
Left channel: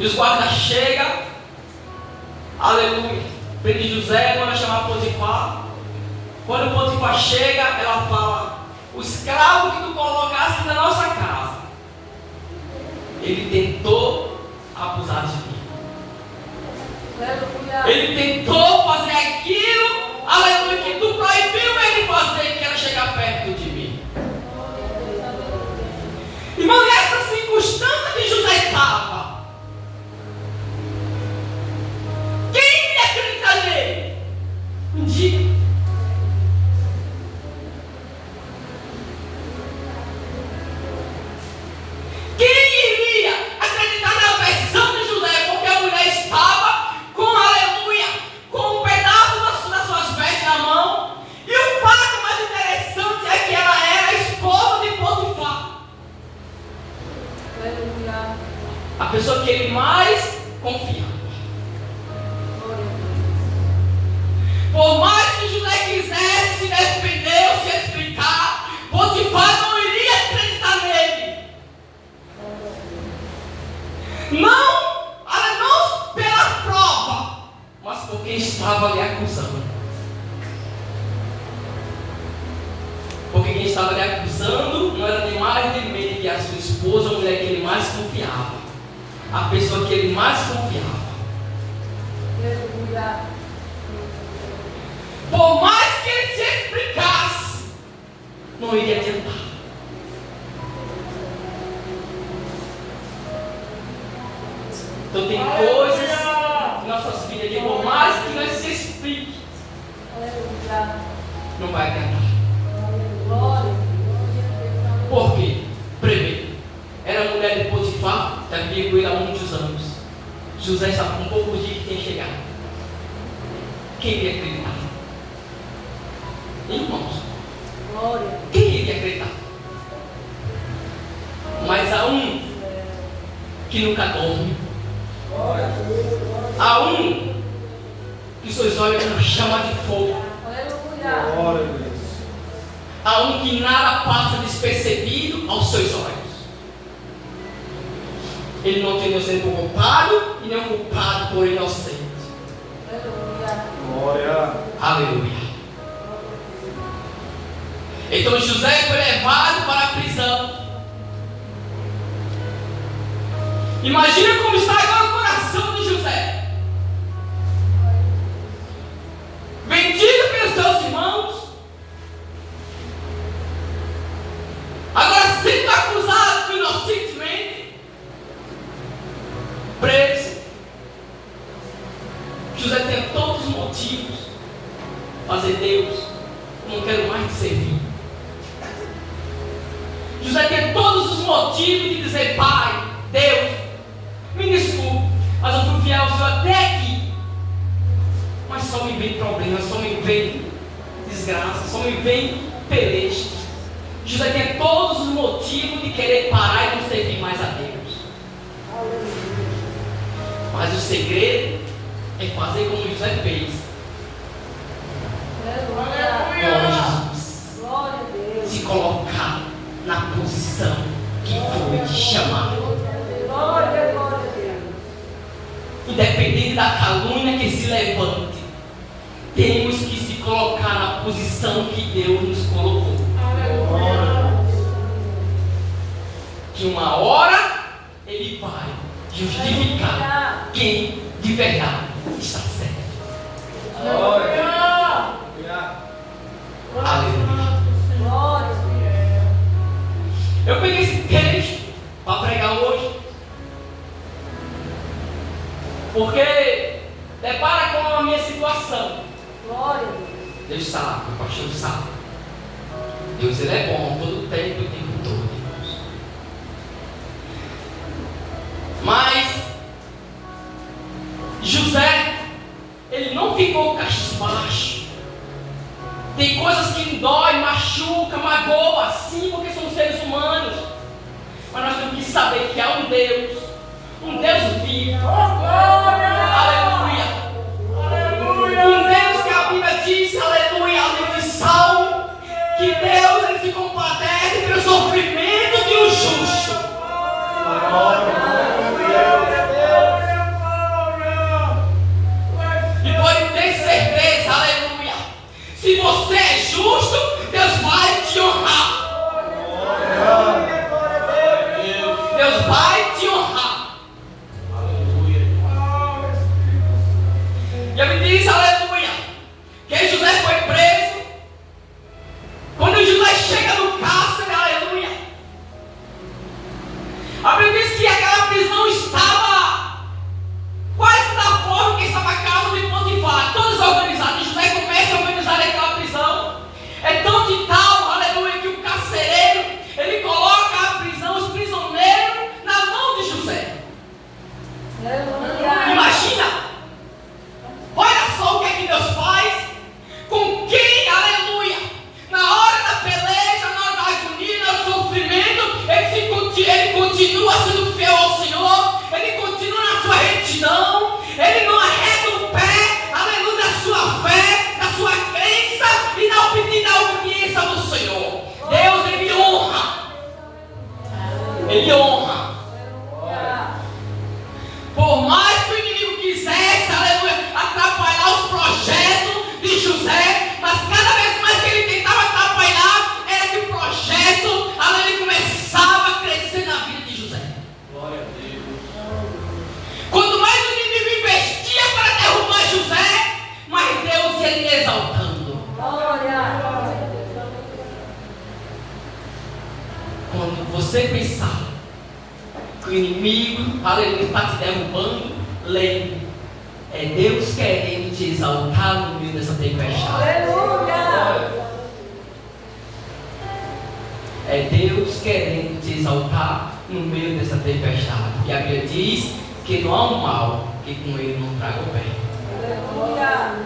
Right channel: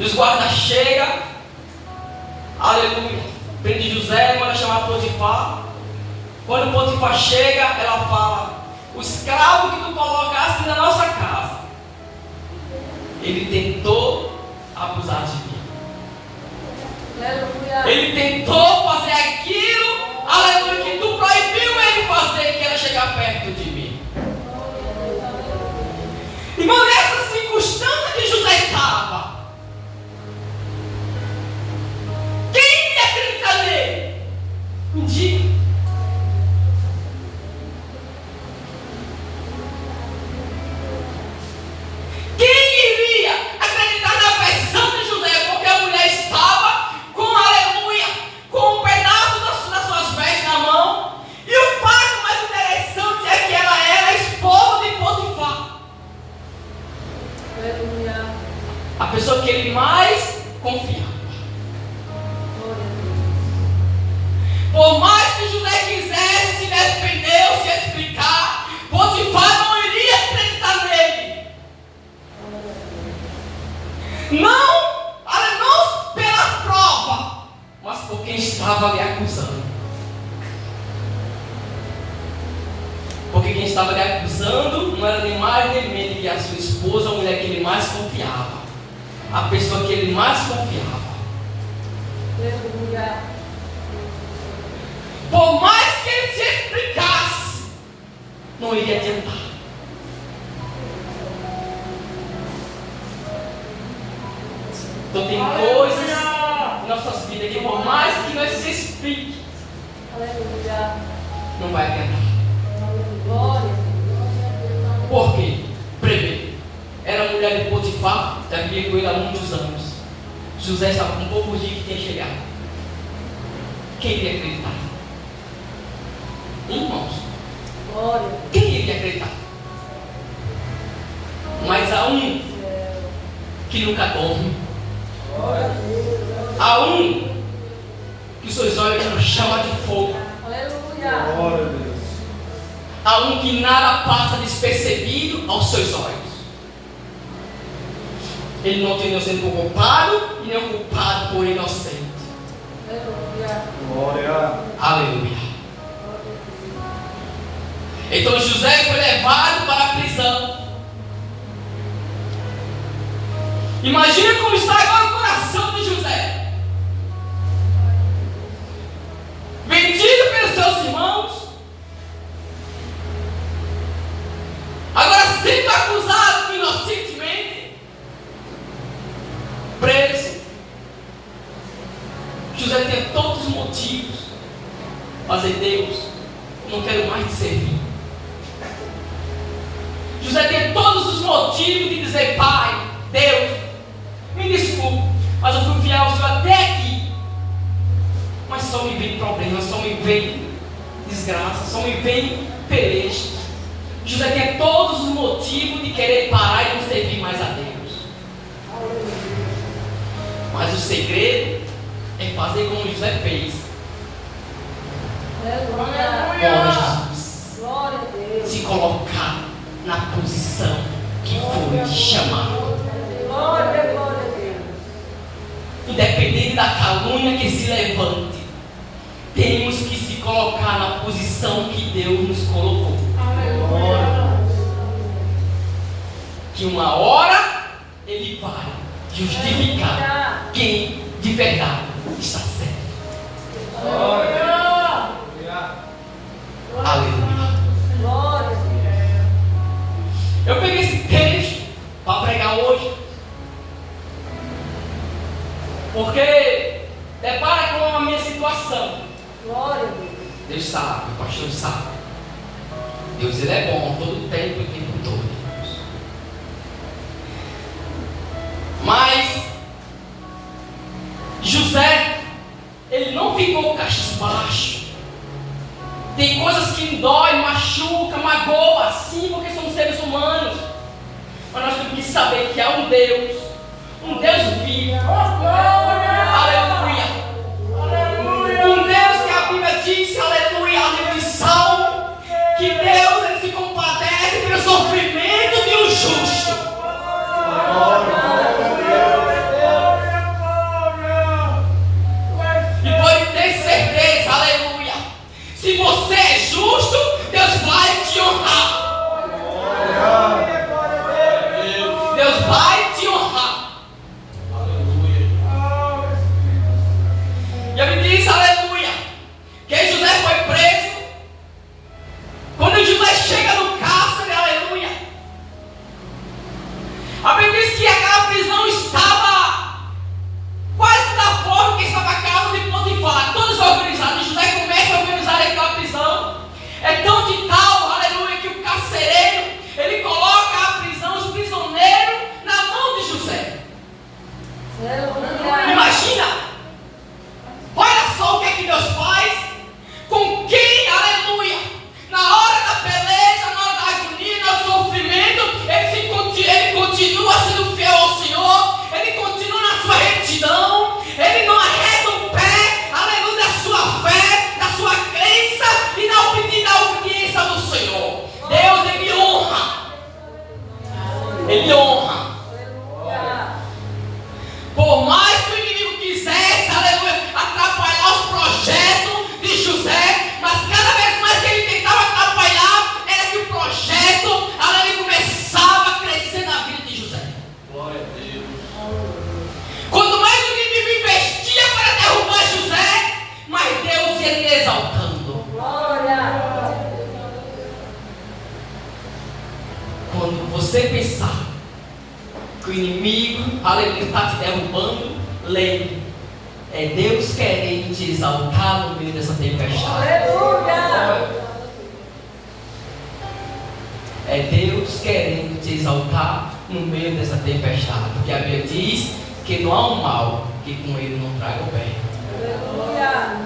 E os guardas chegam, aleluia, prende José, manda chamar Potifar. Quando Potifar chega, ela fala: o escravo que tu colocaste na nossa casa, ele tentou abusar de mim. Ele tentou fazer aquilo, aleluia, que tu proibiu ele fazer, que era chegar perto de mim. Irmão, nessa circunstância que José estava, pessoa que ele mais confiava. Por mais que José quisesse se defender ou se explicar, Potifar não iria acreditar nele. Não pela prova, mas por quem estava lhe acusando. Porque quem estava lhe acusando não era nem mais nem menos que a sua esposa, a mulher que ele mais confiava, a pessoa que ele mais confiava. Aleluia. Por mais que ele se explicasse, não iria adiantar. Então tem coisas em nossas vidas que por mais que nós se explique, Aleluia. não vai adiantar. Glória. Por quê? Primeiro, era a mulher de Potifar, já vivia com ele há muitos anos. José estava com poucos dias que tinha chegado. Quem iria acreditar? Irmãos, Glória. quem iria acreditar? Mas há um que nunca dorme. Há um que seus olhos não chamam de fogo. Aleluia. Glória a Deus. Há um que nada passa despercebido aos seus olhos. Ele não tem sendo culpado e nem culpado por inocente. Aleluia. Glória. Aleluia. Então José foi levado para a prisão. Imagina como está agora o coração de José. Vendido pelos seus irmãos. Agora sendo acusado inocentemente. Preso. José tem todos os motivos para dizer: Deus, eu não quero mais te servir. José tem todos os motivos de dizer: Pai, Deus, me desculpe, mas eu fui fiel ao Senhor até aqui. Mas só me vem problema, só me vem desgraça, só me vem peleja. José tem todos os motivos de querer parar e não servir mais a Deus. Mas o segredo é fazer como José fez. Aleluia. Com Jesus. Glória a Deus. Se colocar na posição que foi chamado. Glória, glória a Deus. Independente da calúnia que se levante, temos que se colocar na posição que Deus nos colocou. Que uma hora Ele vai justificar quem de verdade está certo. Aleluia. Glória. Eu peguei esse texto para pregar hoje, porque depara com a minha situação. Glória a Deus. Deus sabe, o pastor sabe. Deus, Ele é bom todo tempo e o tempo todo. Mas José, ele não ficou cabisbaixo. Tem coisas que dói, machuca, magoa, sim, porque somos seres humanos. Mas nós temos que saber que há um Deus vivo. Aleluia. Um Deus que a Bíblia diz, aleluia, aleluia, Salmo, que Deus ele se compadece pelo sofrimento de um justo. E pode ter certeza, aleluia, se você é justo, Deus vai te honrar. Deus vai te honrar. E ele diz, aleluia, que José foi preso. Quando José chega no cárcere, aleluia, a Bíblia diz que aquela prisão estava quase da forma que estava a casa de Potifar, todos organizados. José começa a organizar aquela prisão. É tão de tal, aleluia, que o carcereiro, ele coloca a prisão, os prisioneiros, na mão de José. Aleluia. Imagina! Olha só o que é que Deus faz com quem, aleluia, na hora da peleja, na hora da agonia, no sofrimento, ele continua sendo fiel ao Senhor, ele continua inimigo, aleluia, está te derrubando, lembre, é Deus querendo te exaltar no meio dessa tempestade. Aleluia. É Deus querendo te exaltar no meio dessa tempestade. Porque a Bíblia diz que não há um mal que com ele não traga o bem. Aleluia.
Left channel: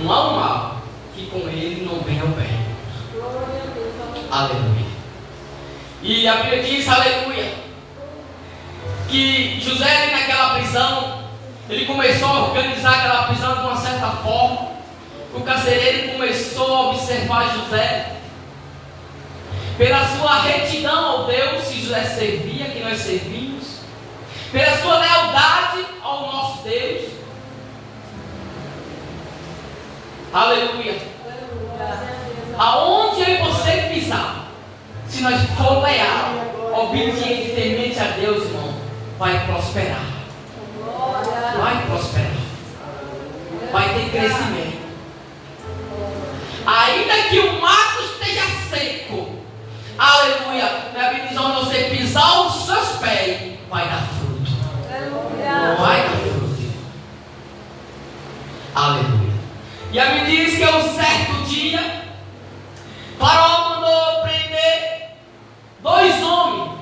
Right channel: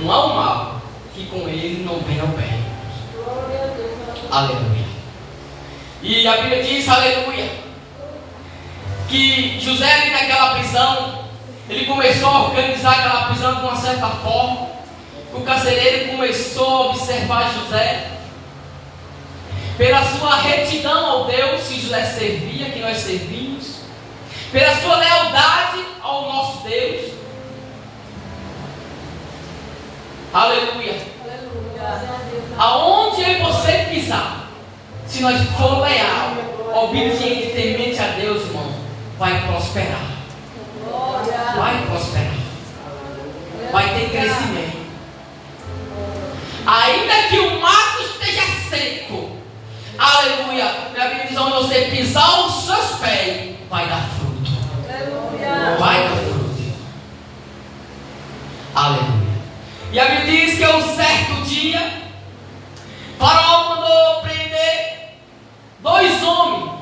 Não há um mal que com ele não venha o bem. Glória a Deus. Aleluia. E a Bíblia diz, aleluia, que José ali naquela prisão, ele começou a organizar aquela prisão de uma certa forma. O carcereiro começou a observar José pela sua retidão ao Deus que José servia, que nós servimos, pela sua lealdade ao nosso Deus. Aleluia. Aonde eu e você pisar, se nós for leal, obediente, temente a Deus, irmão, vai prosperar. Vai prosperar. Vai ter crescimento. Ainda que o mato esteja seco, aleluia, minha Bíblia diz, onde você pisar os seus pés, vai dar fruto. Vai dar fruto. Aleluia. E a Bíblia diz que um certo dia, Faraó mandou prender 2 homens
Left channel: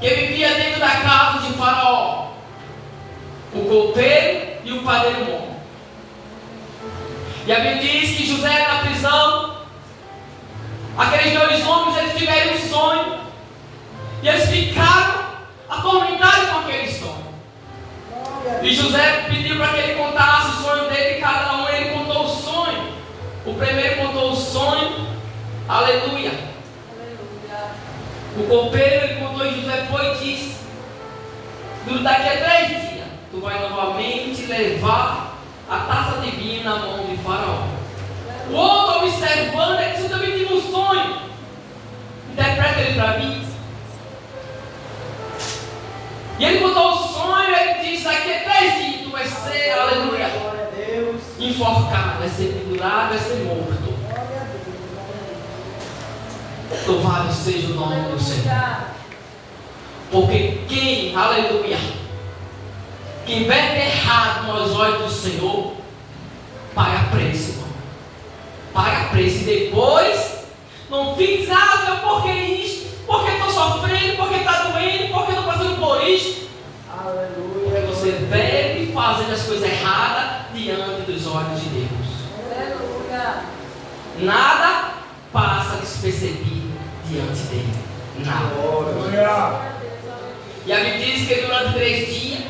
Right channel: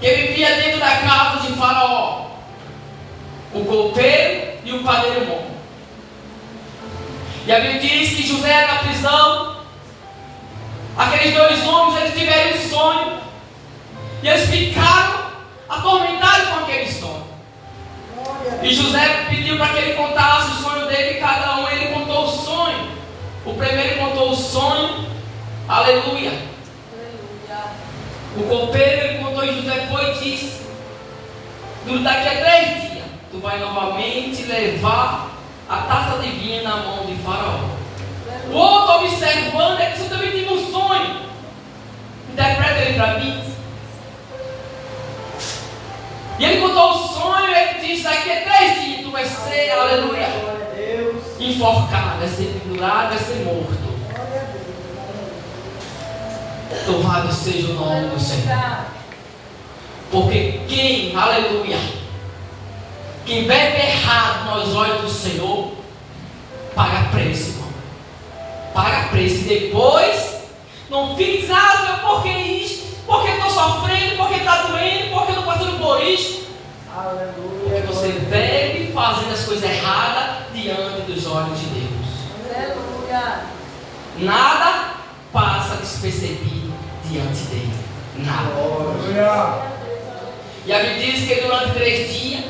que viviam dentro da casa de Faraó, o copeiro e o padeiro bom. E a Bíblia diz que José era na prisão. Aqueles 2 homens, eles tiveram um sonho, e eles ficaram atormentados com aquele sonho. E José pediu para que ele contasse o sonho dele, e cada um ele contou o sonho. O primeiro contou o sonho, aleluia. O copeiro ele contou, e José foi e disse: daqui a 3 dias, tu vai novamente levar a taça de vinho na mão de Faraó. O outro observando, é que você também tive um sonho. Interpreta ele para mim. E ele contou o sonho, e ele disse: daqui a 3 dias tu vai ser, aleluia, enforcado, vai ser pendurado, vai ser morto. Louvado seja o nome do Senhor. Porque quem, aleluia, quem bebe errado nos olhos do Senhor, paga preço, irmão. Paga preço. E depois não fiz nada, porque isso, porque estou sofrendo, porque está doendo, porque estou passando por isso. Aleluia. Porque você bebe fazendo as coisas erradas diante dos olhos de Deus. Aleluia. Nada passa despercebido diante dele. Nada. Aleluia. E a Bíblia diz que durante 3 dias,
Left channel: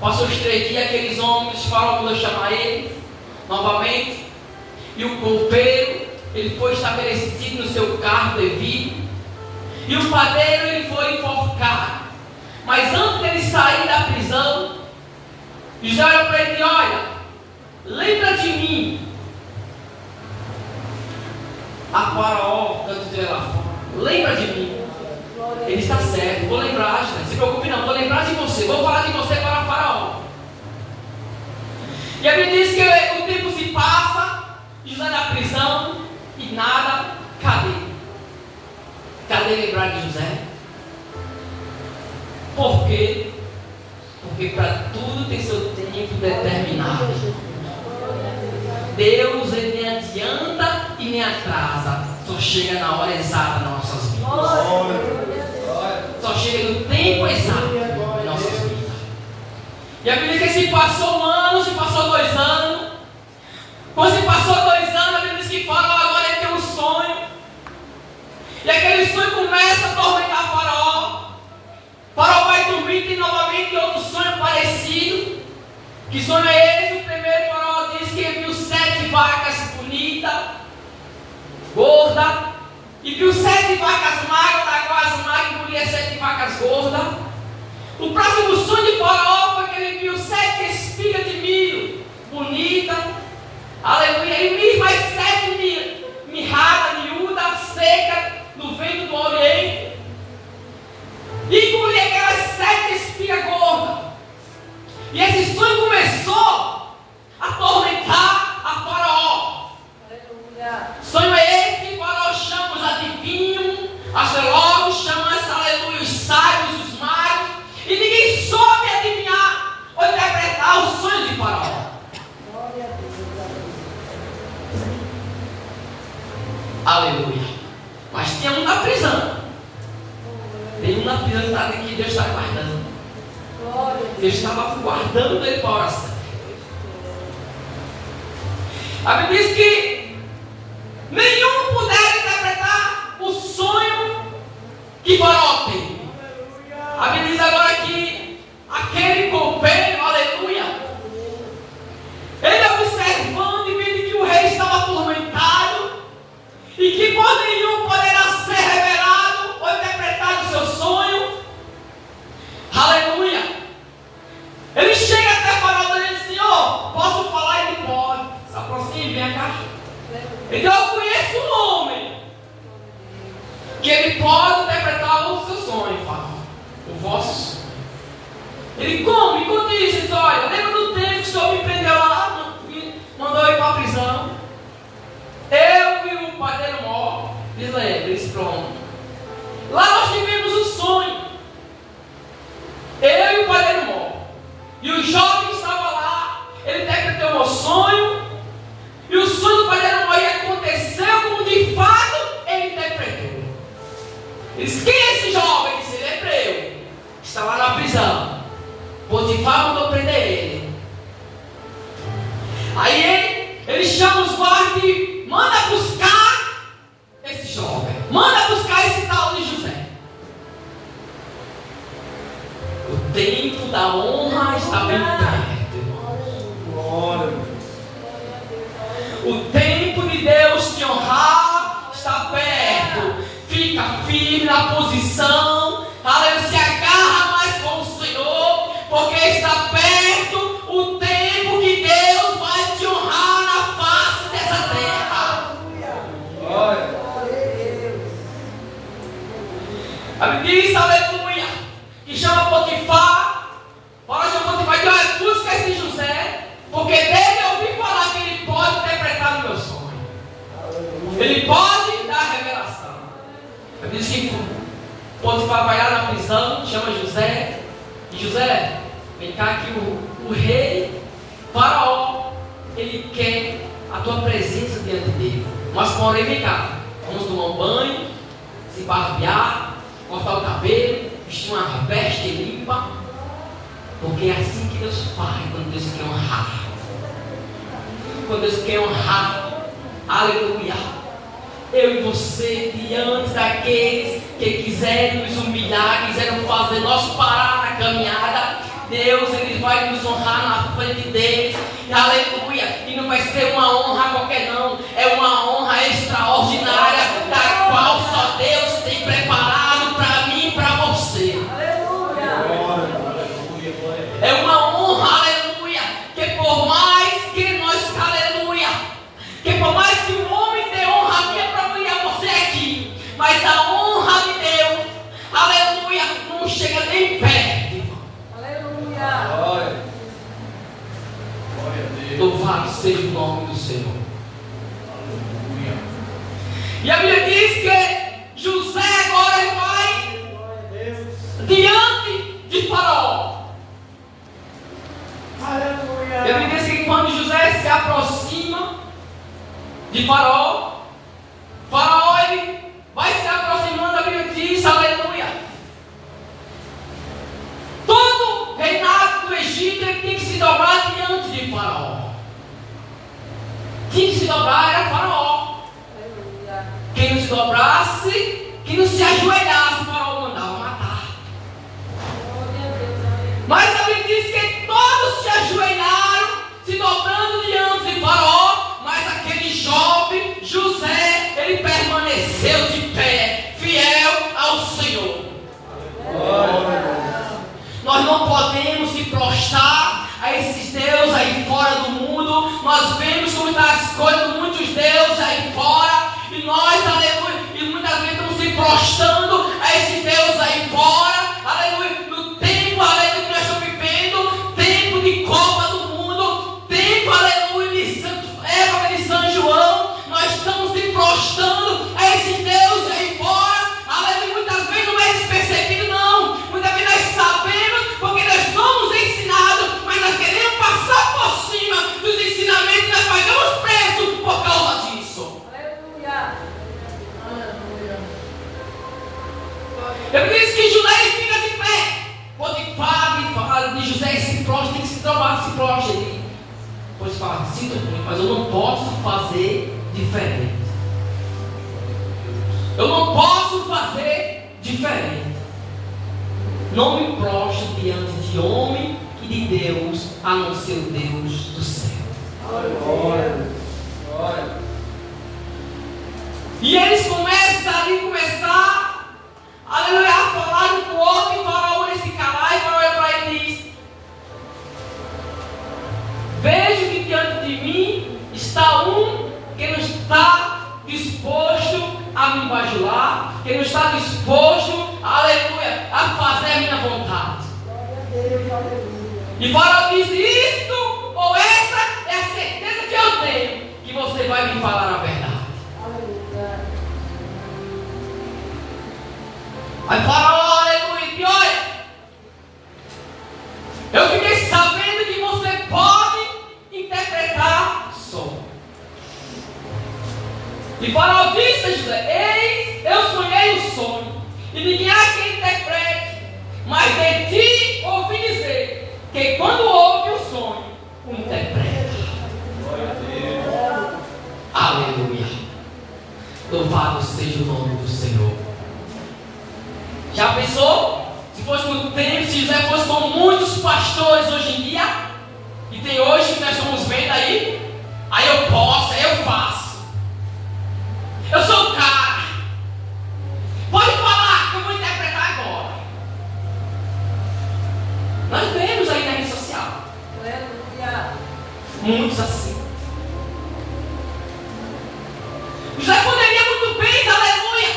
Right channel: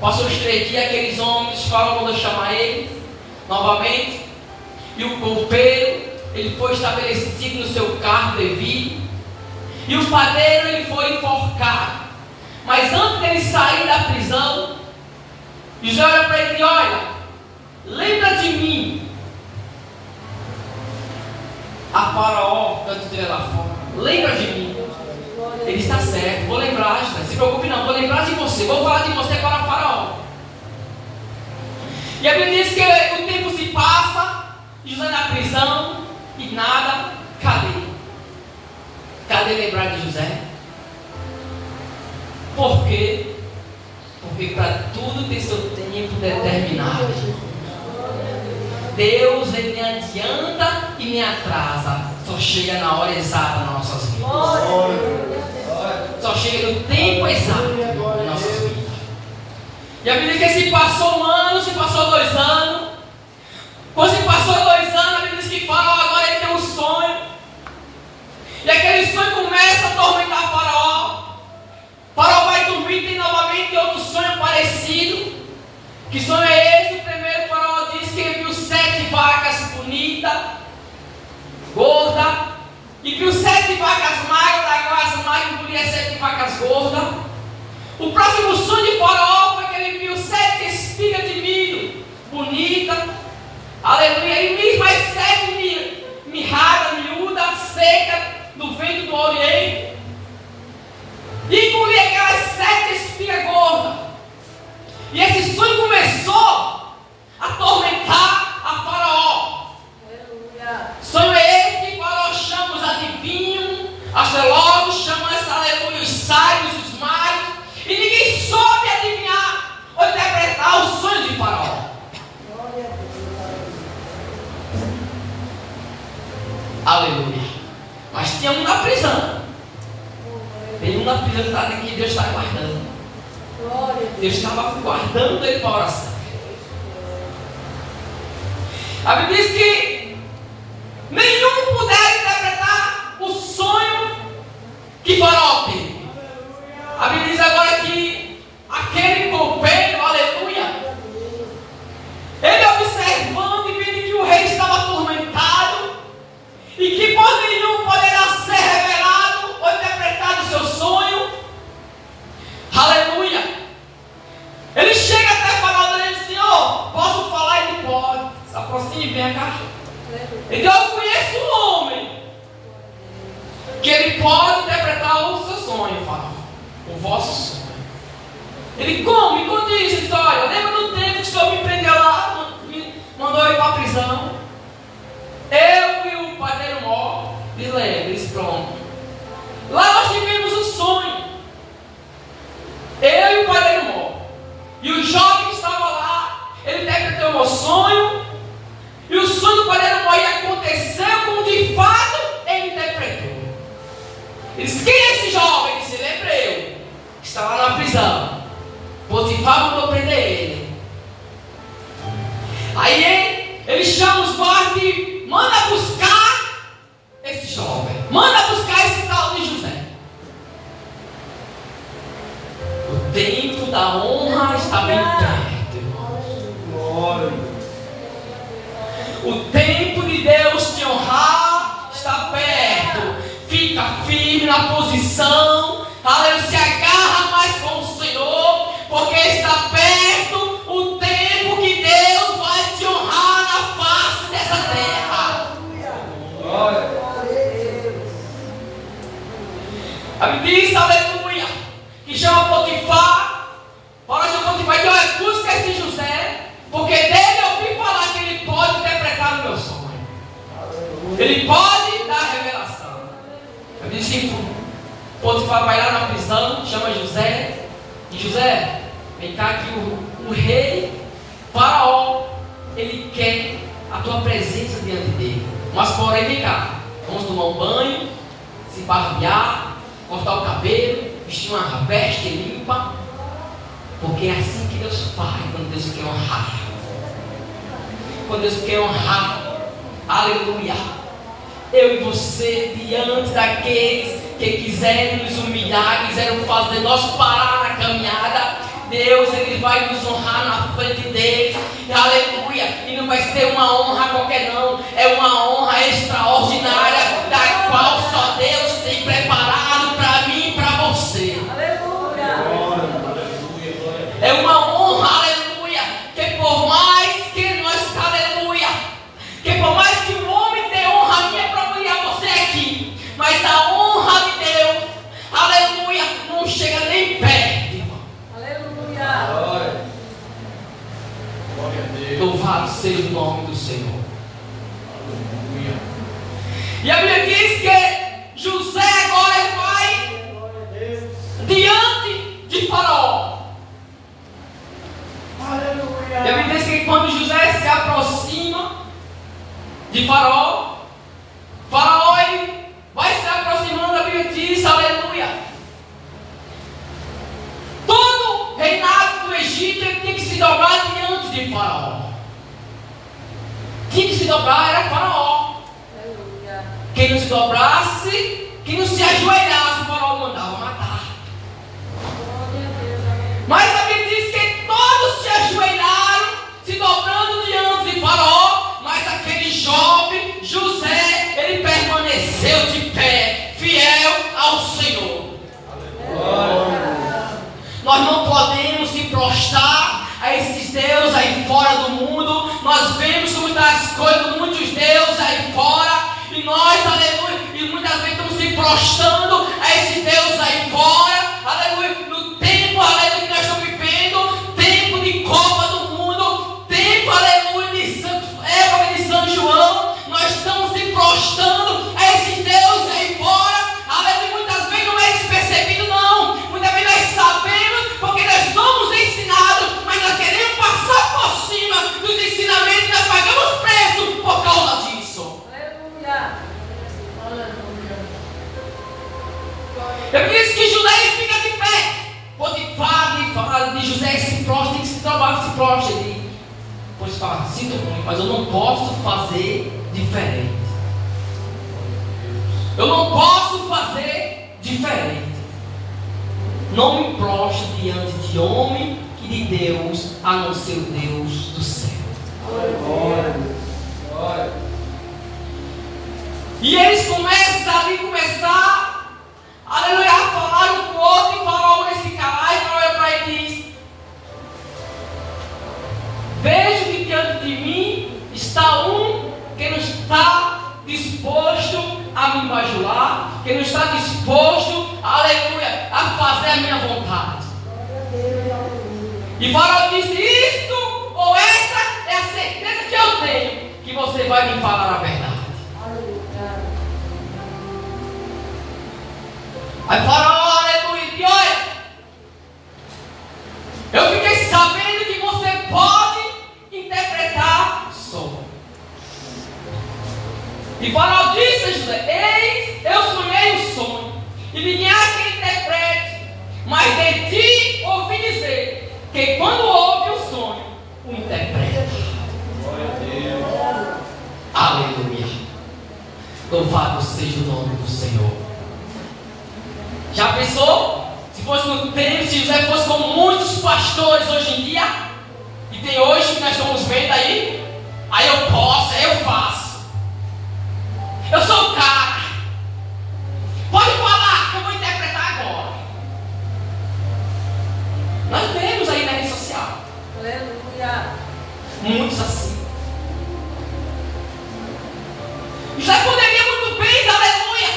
passou os 3 dias, aqueles homens, Faraó mandou chamar eles novamente. E o copeiro, ele foi estabelecido no seu cargo devido. E o padeiro, ele foi enforcado. Mas antes dele sair da prisão, José olha para ele e olha: lembra de mim. A Faraó, antes dele lá fora, lembra de mim. Ele está certo, vou lembrar, não se preocupe não, vou lembrar de você, vou falar de você para o Faraó. E a Bíblia diz que o tempo se passa, José na prisão, e nada, cadê? Cadê lembrar de José? Por quê? Porque para tudo tem seu tempo determinado. Deus, ele me adianta e me atrasa, só chega na hora exata nas nossas vidas. Só chega no tempo exato nas nossas vidas. E a Bíblia diz que se passou 1 ano, se passou 2 anos. Quando se passou 2 anos, a Bíblia diz que Faraó agora ele tem um sonho. E aquele sonho começa a atormentar Faraó. Faraó vai dormir e tem novamente outro sonho parecido. Que sonho é esse? O primeiro, Faraó diz que ele viu 7 vacas bonitas, gordas, e viu 7 vacas magras, da qual as magras engoliam 7 vacas gordas. O próximo sonho de Faraó foi que ele viu 7 espigas de milho bonitas, aleluia, e mais 7 mirradas, miúdas, secas, no vento do Oriente, e engolia aquelas 7 espigas gordas. E esse sonho começou a atormentar a Faraó. Aleluia. Sonho é esse que Faraó chama os adivinhos, astrólogos, chama essa, aleluia, os sábios, Aleluia. Mas tinha um na prisão. Tem um na prisão que Deus está guardando. Deus estava guardando ele para a oração. A Bíblia diz que nenhum puder interpretar o sonho que Faraó teve. A Bíblia diz agora que aquele copeiro, aleluia, ele observando e vendo que o rei estava atormentado e que por nenhum poderá ser revelado ou interpretado o seu sonho, aleluia, ele chega até Faraó e diz: Senhor, posso falar? Ele pode. Se aproxime, vem cá. Então eu conheço um homem que ele pode interpretar o seu sonho, Faraó, o vosso sonho. Ele como? Enquanto isso, diz: olha, lembra do tempo que o Senhor me prendeu lá, me mandou ir para a prisão? Eu e o padeiro Mó, diz ele, diz pronto. Lá nós tivemos um sonho. Eu e o padeiro Mó. E o jovem que estava lá, ele interpretou o meu sonho. E o sonho do padeiro Mó aconteceu como de fato ele interpretou. Ele disse: quem é esse jovem? Que se lembreu, está lá na prisão. Potifar mandou prender ele. Aí ele chama os guardas e manda buscar esse jovem. Manda buscar esse tal de José. O tempo da honra está bem perto, irmãos. O tempo de Deus te honrar está perto. Fica firme na posição. Aleluia, se agarra mais com o Senhor, porque está perto o tempo que Deus vai te honrar na face dessa terra. A Bíblia diz, aleluia, que chama Potifar. Fala de Potifar, que olha, busca esse José, porque dele eu ouvi falar que ele pode interpretar o meu sonho. Ele pode dar revelação. A Bíblia diz que Potifar vai lá na prisão, chama José. E José, vem cá que o rei Faraó, ele quer a tua presença diante dele. Mas porém, vem cá, vamos tomar um banho, se barbear, cortar o cabelo, vestir uma veste limpa, porque é assim que Deus faz quando Deus quer honrar. Quando Deus quer honrar, aleluia, eu e você diante daqueles que quiserem nos humilhar, quiserem fazer nós parar na caminhada, Deus, Ele vai nos honrar na frente deles, aleluia. E não vai ser uma honra qualquer não, é uma honra extraordinária, da qual só Deus tem preparado para mim e para você. É uma honra, aleluia, que por mais que nós, aleluia, que por mais que o homem dê honra a mim é para mim e a você aqui, mas a honra de Deus, aleluia, não chega nem perto. Louvado seja o nome do Senhor. Aleluia. E a Bíblia diz que José agora vai diante de Faraó. Aleluia. A Bíblia diz que quando José se aproxima de Faraó, Faraó ele vai se aproximando, a Bíblia diz, aleluia. Todo reinado do Egito ele tem que se dobrar diante de Faraó. Tinha que se dobrar era Faraó. Aleluia. Quem não se dobrasse, quem não se ajoelhasse, o Faraó mandava matar. Mas a Bíblia diz que todos se ajoelharam, se dobrando diante de Faraó, mas aquele jovem, José, ele permaneceu de pé, fiel ao Senhor. Nós não podemos se prostrar a esses deuses aí fora do mundo. Nós vemos muitas coisas, muitos deuses aí fora, e nós, aleluia, e muitas vezes estamos se prostrando a esses deuses aí fora, aleluia, no tempo, aleluia, que nós estamos vivendo, tempo de Copa do Mundo, tempo, aleluia, de São João, nós estamos se prostrando a esses deuses aí fora, aleluia, muitas vezes não é despercebido não, muitas vezes nós sabemos, porque nós somos ensinados, mas nós queremos passar por cima dos ensinamentos, nós pagamos preço por causa disso. Aleluia. José se prostra, tem que se trabalhar, se prostra. Ele depois fala, sinto muito, mas eu não posso fazer diferente. Eu não posso fazer diferente. Não me prostro diante de homem e de Deus, a não ser o Deus do céu. Glória. E eles começam aleluia, a falar um com o outro, e o faraó nesse calar, e o faraó para ele diz: vejo que diante de mim está um que não está disposto a me bajular, que não está disposto, aleluia, a fazer a minha vontade. E Faraó disse: isto ou essa é a certeza que eu tenho, que você vai me falar a verdade. Aí Faraó, aleluia, e olha, eu fiquei sabendo que você pode interpretar sonho. E Faraó disse a José: eis, eu sonhei um sonho, e ninguém há quem interprete, mas de ti ouvi dizer que quando ouve o sonho, o interpreta. Glória a Deus. Aleluia. Louvado seja o nome do Senhor. Já pensou? Se fosse no tempo, se José fosse como muitos pastores hoje em dia, que tem hoje, que nós estamos vendo aí eu posso, aí eu faço. Eu sou o cara. Pode falar que eu vou interpretar agora. Nós vemos aí na rede social. Aleluia. Muitos assim. José poderia muito bem, aleluia,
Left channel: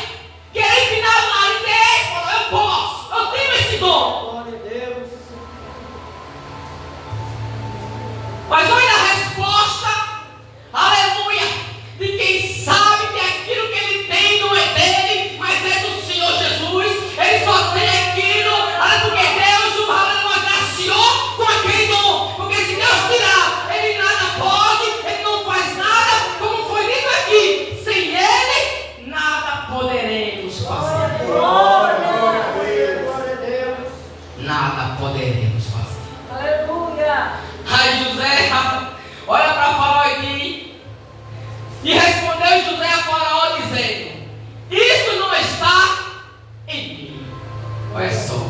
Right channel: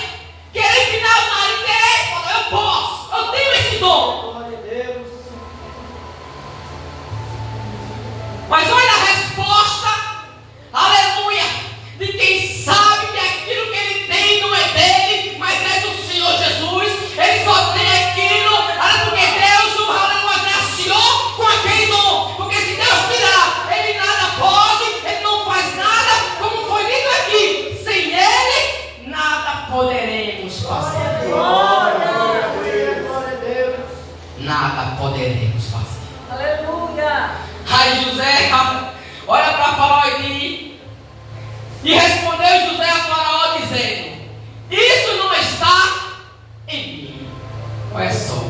querer empinar o nariz e falar: eu posso, eu tenho esse dom. Glória a Deus. Mas olha a resposta, aleluia, de quem sabe que aquilo que ele tem não é dele, mas é do Senhor Jesus. Ele só tem aquilo, porque Deus o agraciou com aquele dom. Porque se Deus tirar, ele nada pode, ele não faz nada, como foi dito aqui. Sem ele, nada poderemos fazer. Glória a Deus. Nada poderemos fazer. Aleluia. Aí José olha para Faraó e respondeu José a Faraó dizendo: isso não está em mim. Olha só.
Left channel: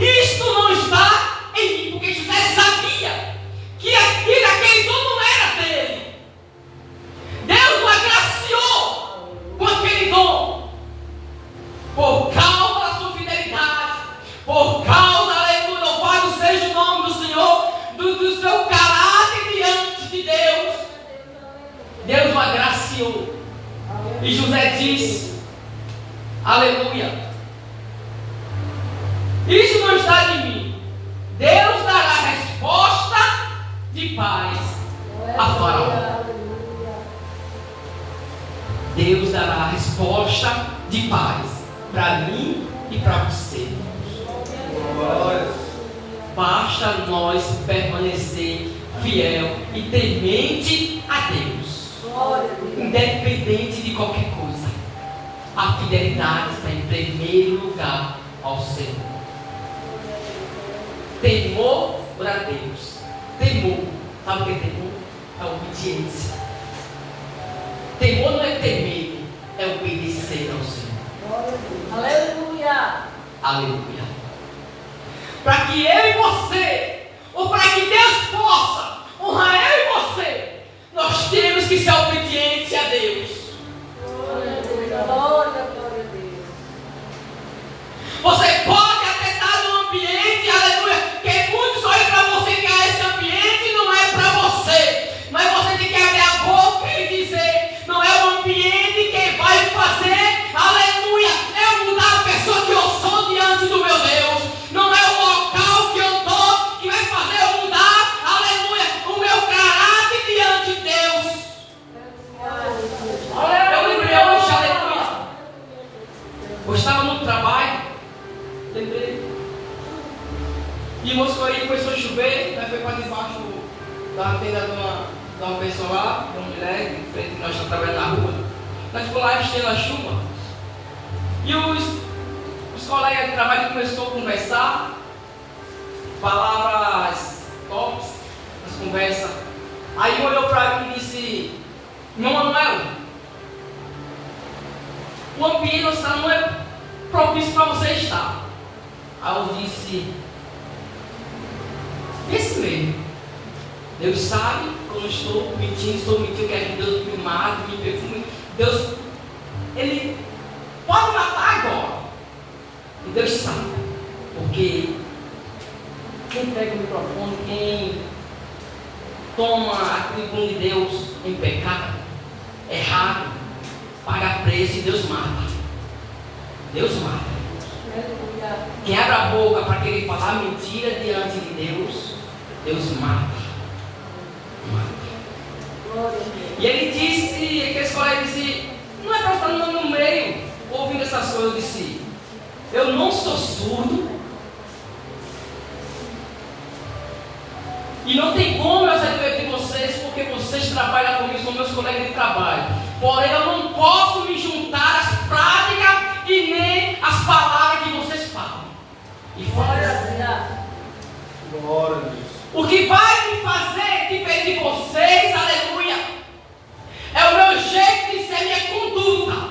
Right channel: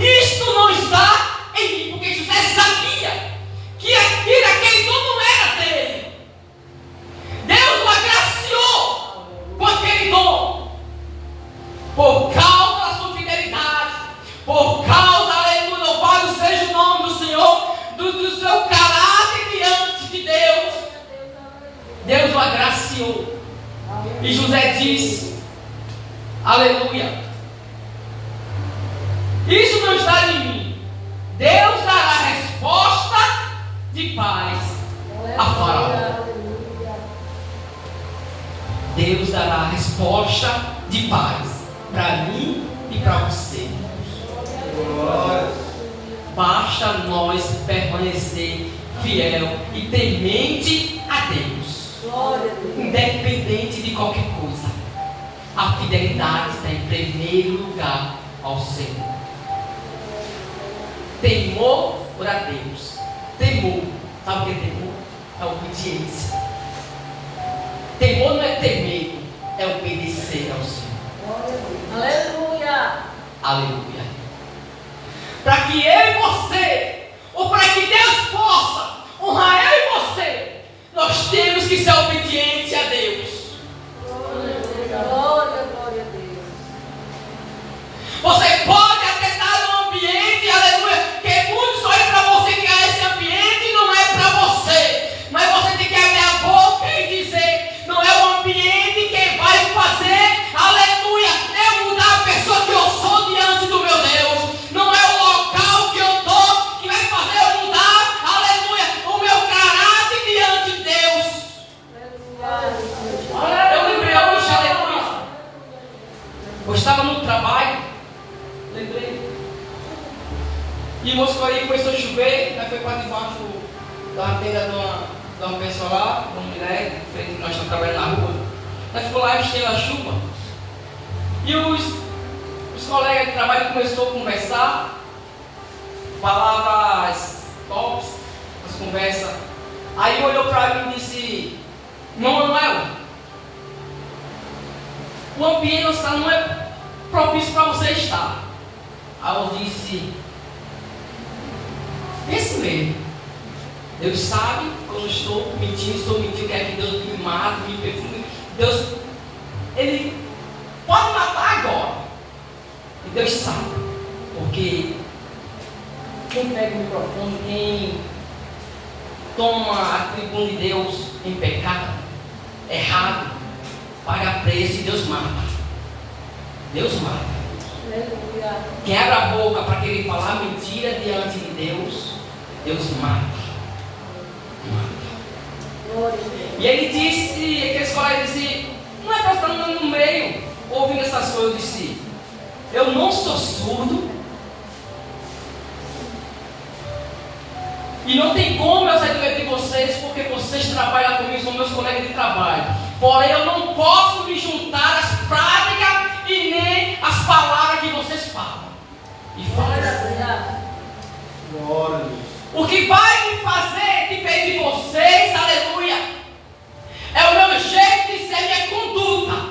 Isto não está em mim, porque José sabia que aquele dom não era dele. Deus o agraciou com aquele dom por causa da sua fidelidade, por causa, aleluia, louvado seja o nome do Senhor, do seu caráter diante de Deus. Deus o agraciou. E José disse, aleluia, isso não está em mim. Deus dará resposta de paz a Faraó. Deus dará resposta de paz para mim e para você. Basta nós permanecer fiel e temente a Deus, independente de qualquer coisa. A fidelidade está em primeiro lugar ao Senhor. Temor a Deus. Temor, sabe o que é temor? É obediência. Temor não é ter medo, é obedecer ao Senhor. Aleluia. Aleluia. Para que eu e você, ou para que Deus possa honrar eu e você, nós temos que ser obedientes a Deus. Glória, glória a Deus. Você pode até estar num ambiente, aleluia, que muitos olham para você que esse ambiente não é para você. Mas você tem que abrir a boca e dizer: não é o ambiente que vai fazer, aleluia, eu mudar a pessoa que eu sou diante do meu Deus. Não é o local que eu estou que vai fazer eu mudar, aleluia, o meu caráter diante de Deus. Eu lembrei hoje, aleluia. Eu estava no trabalho, lembrei. E Moscouri começou a chover, nós foi para debaixo da tenda de uma pessoa lá, uma mulher, que nós estamos trabalhando na rua. Nós ficou lá enchendo a chuva. E os colegas de trabalho começou a conversar, palavras tops, as conversas. Aí olhou para mim e disse: "Meu Manuel, o ambiente não é propício para você estar." Aí eu disse: "Esse mesmo. Deus sabe quando eu estou mentindo, quero que Deus me mate, me perfume. Deus, Ele pode matar agora. E Deus sabe, porque quem pega o microfone, quem toma a tribuna de Deus em pecado, errado, paga preço e Deus mata. Deus mata. Quem abre a boca para querer falar mentira diante de Deus, Deus mata. E ele disse, aqueles colegas disse: "Não é para estar no meio ouvindo essas coisas." Eu disse: "Eu não sou surdo e não tem como eu sair do meio de vocês, porque vocês trabalham comigo, são meus colegas de trabalho. Porém, eu não posso me juntar às práticas e nem às palavras que vocês falam e fazem. Glória a Deus. O que vai me fazer diferente de vocês, aleluia, é o meu jeito de ser, minha conduta.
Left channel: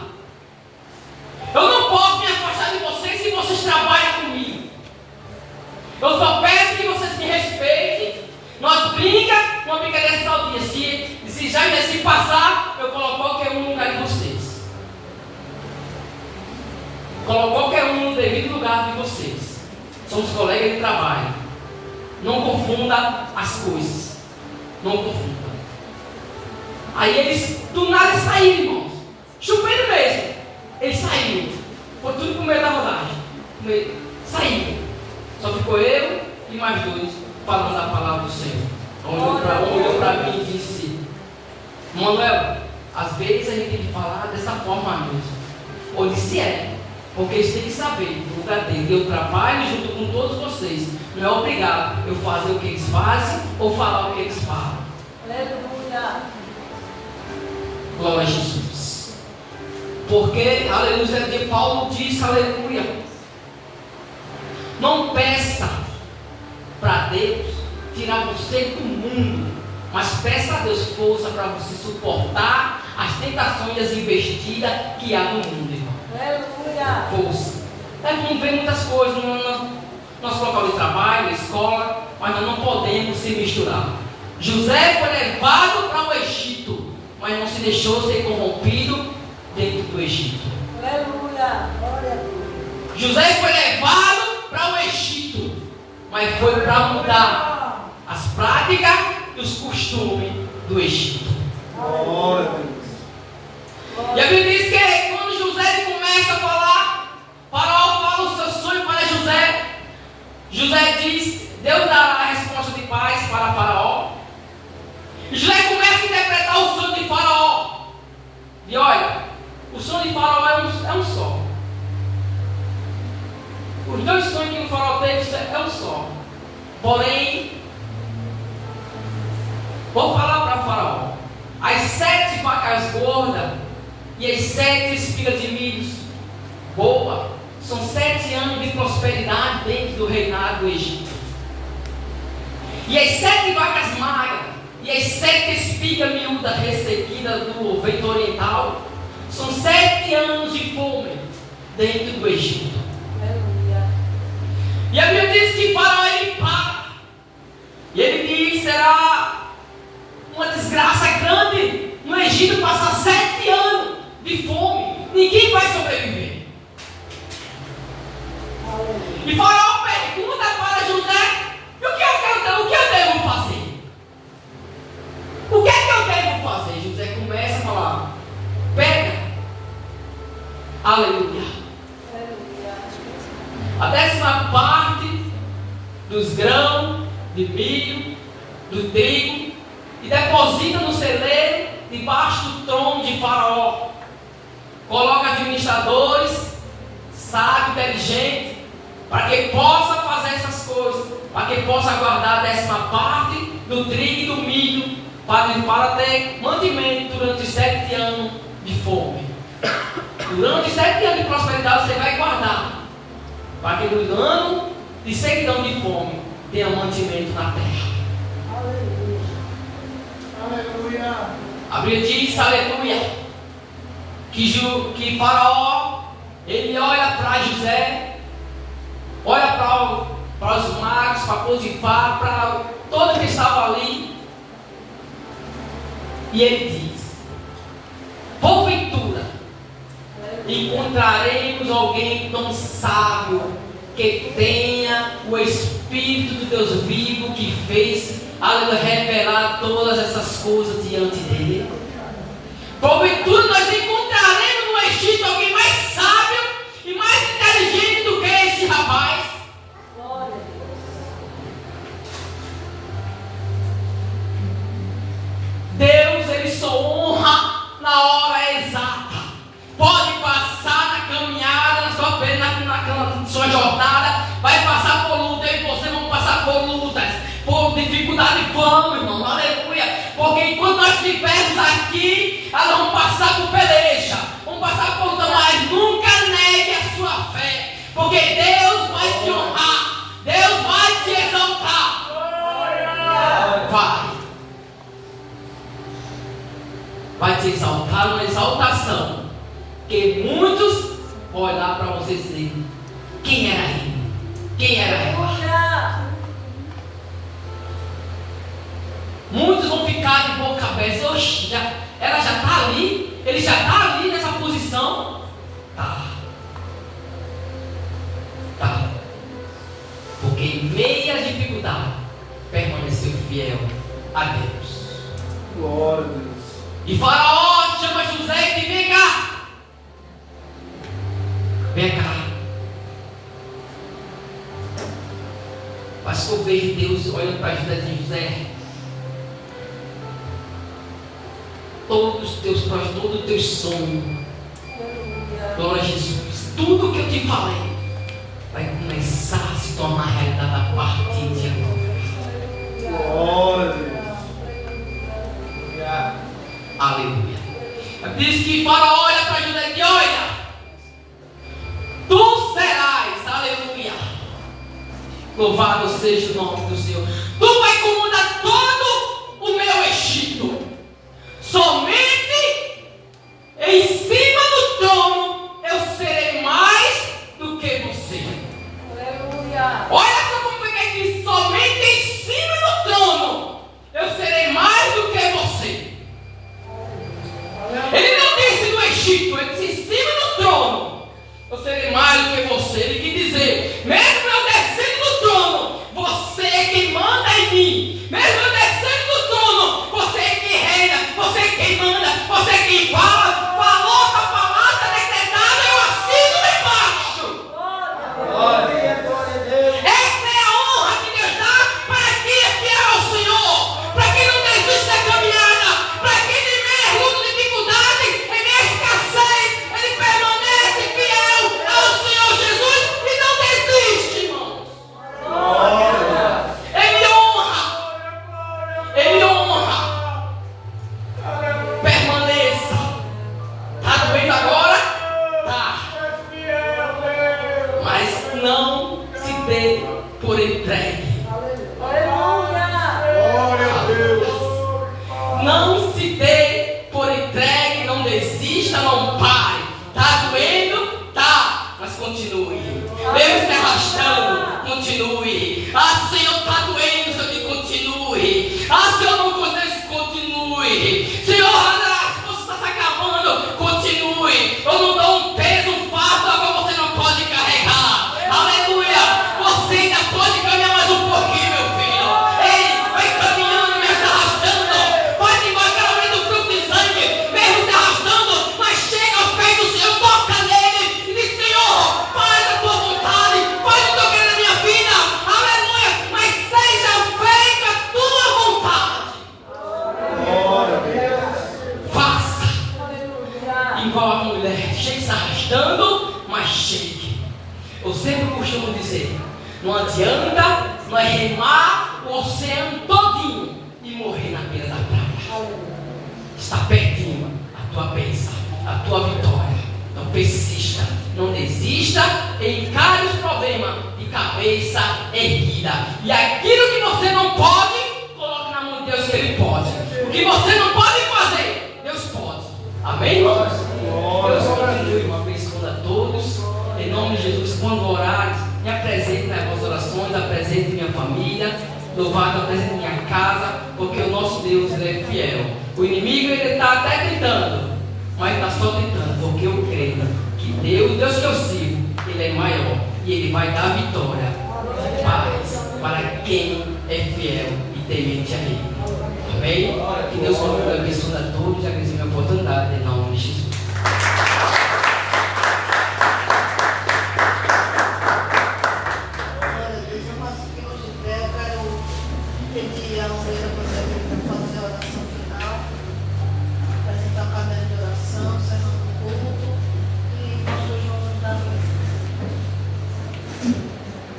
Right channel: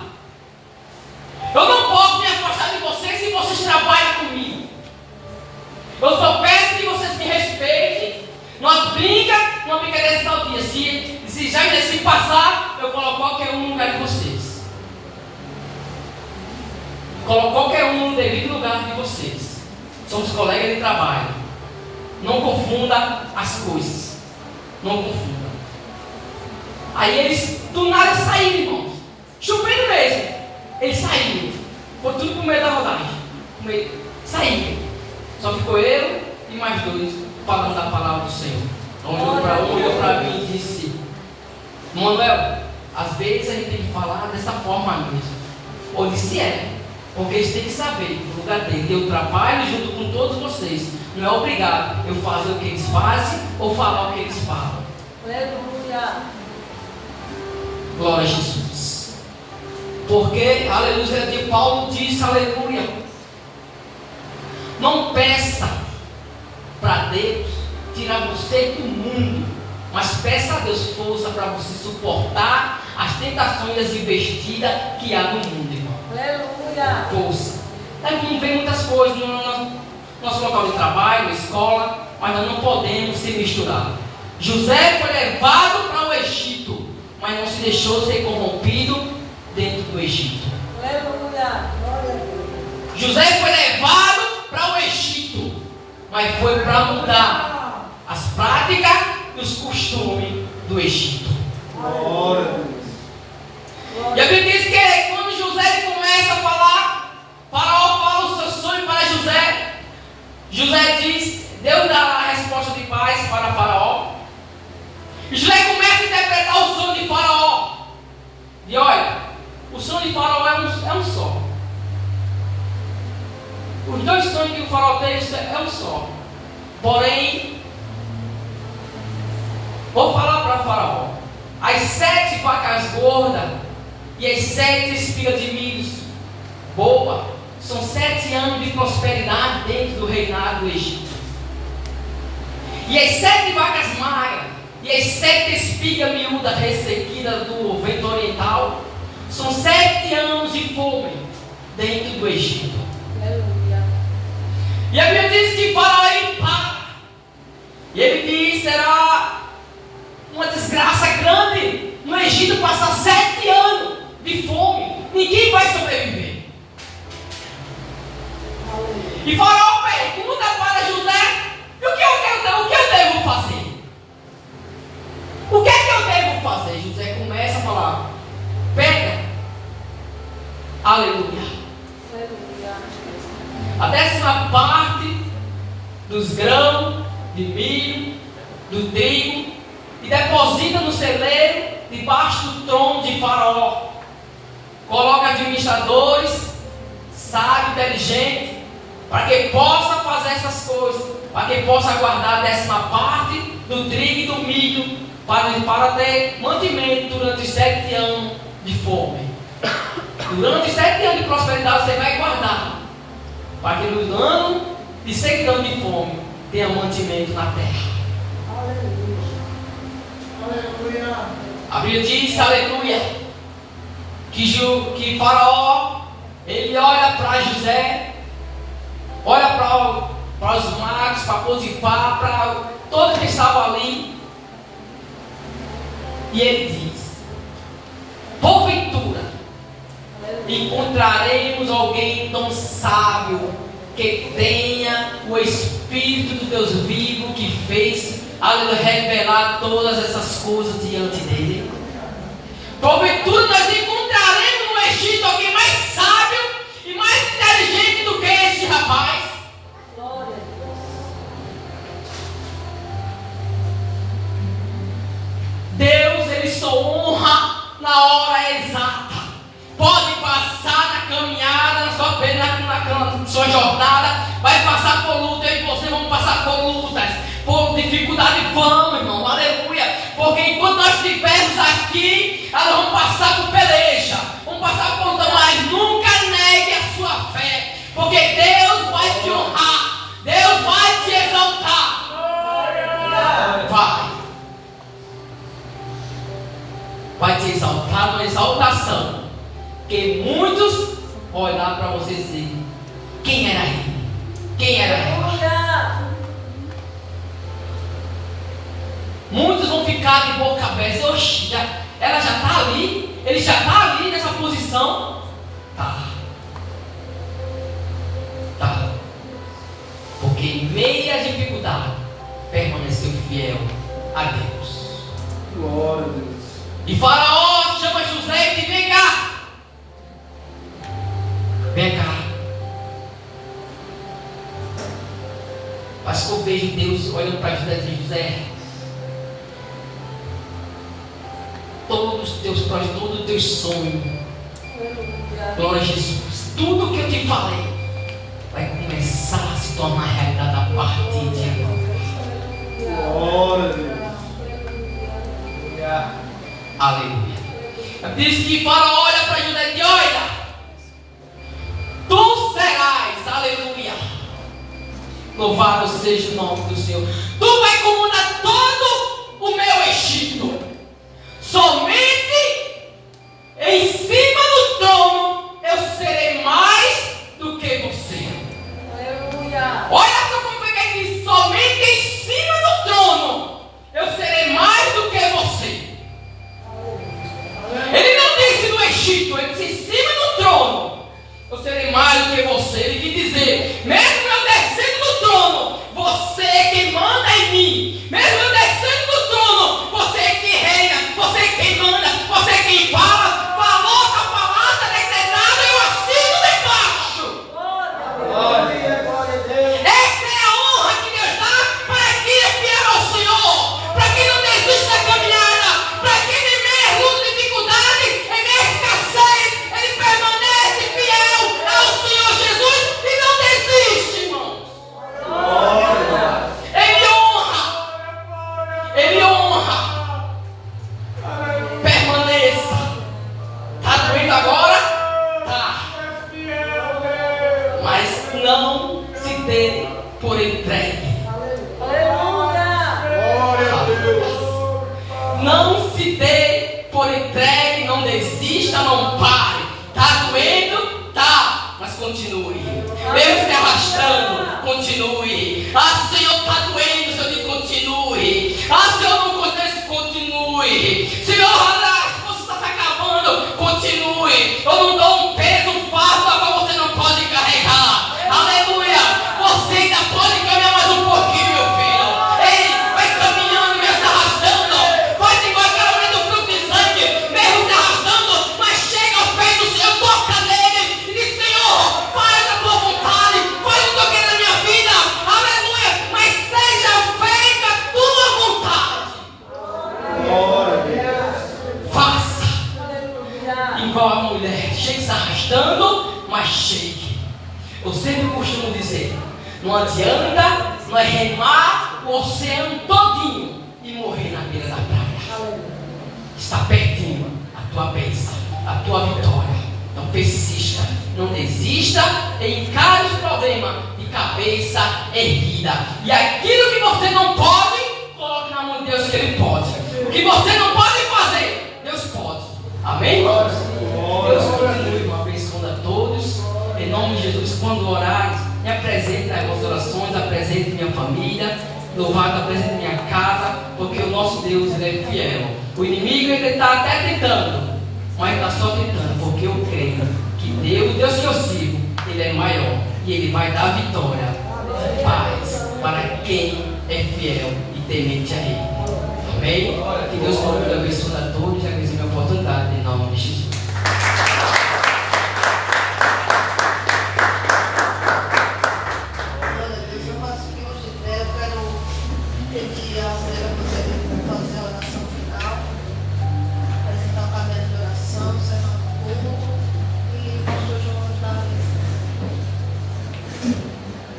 Eu não posso me afastar de vocês se vocês trabalham comigo. Eu só peço que vocês me respeitem. Nós brincamos, uma brincadeira saudia. Se já se passar, eu coloco qualquer um no lugar de vocês. Coloco qualquer um no devido lugar de vocês. Somos colegas de trabalho. Não confunda as coisas. Não confunda." Aí eles do nada saíram, irmãos. Chovendo mesmo. Eles saíram. Foi tudo com medo da rodagem. Saíram. Só ficou eu e mais dois falando a palavra do Senhor. Um olhou para mim e disse: "Manuel, às vezes a gente tem que falar dessa forma mesmo." Eu disse: "É. Porque eles têm que saber, no lugar dele, eu trabalho junto com todos vocês. Não é obrigado eu fazer o que eles fazem ou falar o que eles falam." Aleluia. Glória a Jesus. Porque, aleluia, de Paulo diz, aleluia, não peça para Deus tirar você do mundo, mas peça a Deus força para você suportar as tentações e as investidas que há no mundo, irmão. Aleluia. Força. A gente não vê muitas coisas no nosso local de trabalho, escola, mas nós não podemos se misturar. José foi levado para o Egito, mas não se deixou ser corrompido dentro do Egito. Aleluia. José foi levado para o Egito, mas foi para mudar as práticas e os costumes do Egito. Glória a Deus. E a Bíblia diz que quando José começa a falar, Faraó fala o seu sonho para José. José diz, Deus dá a resposta de paz para Faraó. E José começa a interpretar o sonho de Faraó. E olha, o sonho de Faraó é um só. Os dois sonhos que o Faraó teve é um só. Porém, vou falar para Faraó: as 7 vacas gordas e as 7 espigas de milho boa são 7 anos de prosperidade dentro do reinado do Egito. E as 7 vacas magras e as 7 espigas miúdas ressequidas do vento oriental são 7 anos de fome dentro do Egito. Aleluia. E a Bíblia diz que Faraó ele para. E ele diz: será uma desgraça grande no Egito passar 7 anos de fome. Ninguém vai sobreviver. E Faraó pergunta para José: o que eu devo fazer? O que é que eu devo fazer? José começa a falar: pega. Aleluia. A 10ª parte dos grãos, de milho, do trigo, e deposita no celeiro debaixo do trono de Faraó. Coloca administradores, sábios, inteligentes, para que possa fazer essas coisas, para que possa guardar a 10ª parte do trigo e do milho, para ter mantimento durante os 7 anos de fome. Durante os 7 anos de prosperidade você vai guardar. para que no ano de sequidão de fome tenha mantimento na terra. Aleluia. A Bíblia diz, aleluia, que Faraó, ele olha para José, olha para os magos, para Potifar, para todos que estavam ali, e ele diz: porventura encontraremos alguém tão sábio que tenha o Espírito do Deus vivo, que fez revelar todas essas coisas diante dele? Porventura nós encontraremos no Egito alguém mais sábio e mais inteligente do que esse rapaz? Glória a Deus. Deus, ele só honra na hora exata. Pode passar na caminhada, na sua jornada, vai passar por luta, eu e você vamos passar por lutas, por dificuldade, vamos, irmão, aleluia. Porque enquanto nós estivermos aqui, nós vamos passar por peleja, vamos passar por luta, mas nunca negue a sua fé, porque Deus vai te honrar, Deus vai te exaltar. Vai te exaltar uma exaltação que muitos vão olhar para você e dizer: quem era ele? Quem era ela? Muitos vão ficar de boca aberta. Oxi, ela já está ali? Ele já está ali nessa posição? Tá. Porque em meio à dificuldade permaneceu fiel a Deus. Glória a Deus. E Faraó chama José e diz: vem cá. Vem cá. Mas que eu vejo Deus olhando para José e dizendo: José, todos os teus planos, todos os teus sonhos, glória a Jesus, tudo que eu te falei vai começar a se tornar realidade a partir de agora. Glória a Deus. Aleluia. Diz que Faraó olha para José e diz: olha, tu serás, aleluia, louvado seja o nome do Senhor, tu vai comandar todo o meu Egito, somente em cima do trono eu serei mais do que você. Aleluia. Olha só como foi que ele diz: somente em cima do trono eu serei mais do que você. Ele não disse no Egito, ele disse em cima do trono eu serei mais do que você. Ele quis dizer: mesmo eu descendo do trono, você é quem manda em mim. Mesmo eu descendo do trono, você é quem reina, você é quem manda, você é quem fala. Falou com a palavra decretada, eu assino lá embaixo. Glória a Deus. Essa é a honra que Deus dá para quem é fiel ao Senhor, para quem não desiste da caminhada, para quem tem meia luta, dificuldade, em meia escassez, ele permanece fiel ao Senhor Jesus e não desiste, irmãos. Glória. Ele honra. Ele honra. Permaneça. Está doendo agora? Tá. Mas não se dê por entregue. Aleluia. Glória a Deus. Não se dê por entregue, não desista, não pare. Tá doendo? Tá, mas continue. Mesmo se arrastando, continue. Ah, Senhor, tá doendo, Senhor, que continue. Ah, Senhor, não conheço, continue. Senhor, a força está se acabando, continue. Eu não dou um peso, um fardo, agora você não pode carregar. Aleluia. Você ainda pode caminhar mais um pouquinho, meu filho. Ei, vai caminhando, mesmo se arrastando. Vai devagaramente o fruto de sangue, mesmo se arrastando, mas chega aos pés do Senhor, toca nele e diz: Senhor, faz a tua vontade, faz o que eu quero na minha vida. Aleluia. Mas seja feita a tua vontade. Glória a Deus. Faça. Aleluia. Igual a mulher, chega se arrastando, mas chegue. Eu sempre costumo dizer: não adianta nós remar o oceano todinho e morrer na beira da praia. Está pertinho a tua bênção, a tua vitória. Não persista, não desista, encare os problemas. problema de cabeça erguida. E aquilo que você não pode, coloque na mão de Deus que Ele pode. O que você não pode fazer, Deus pode. Amém? Deus continue uma vez com a todos. Em nome de Jesus, quando orares, me apresente nas vossas orações, apresente minha família, louvado, apresente minha casa, porque o nosso Deus, Ele é fiel. O inimigo, ele está até tentando, mas está só tentando, porque eu creio que Deus, o Deus que eu sirvo, Ele é maior e Ele vai dar vitória e paz para quem é fiel e temente a Ele. Amém? Que Deus continue abençoando a todos e abençoe a minha oportunidade em nome de Jesus.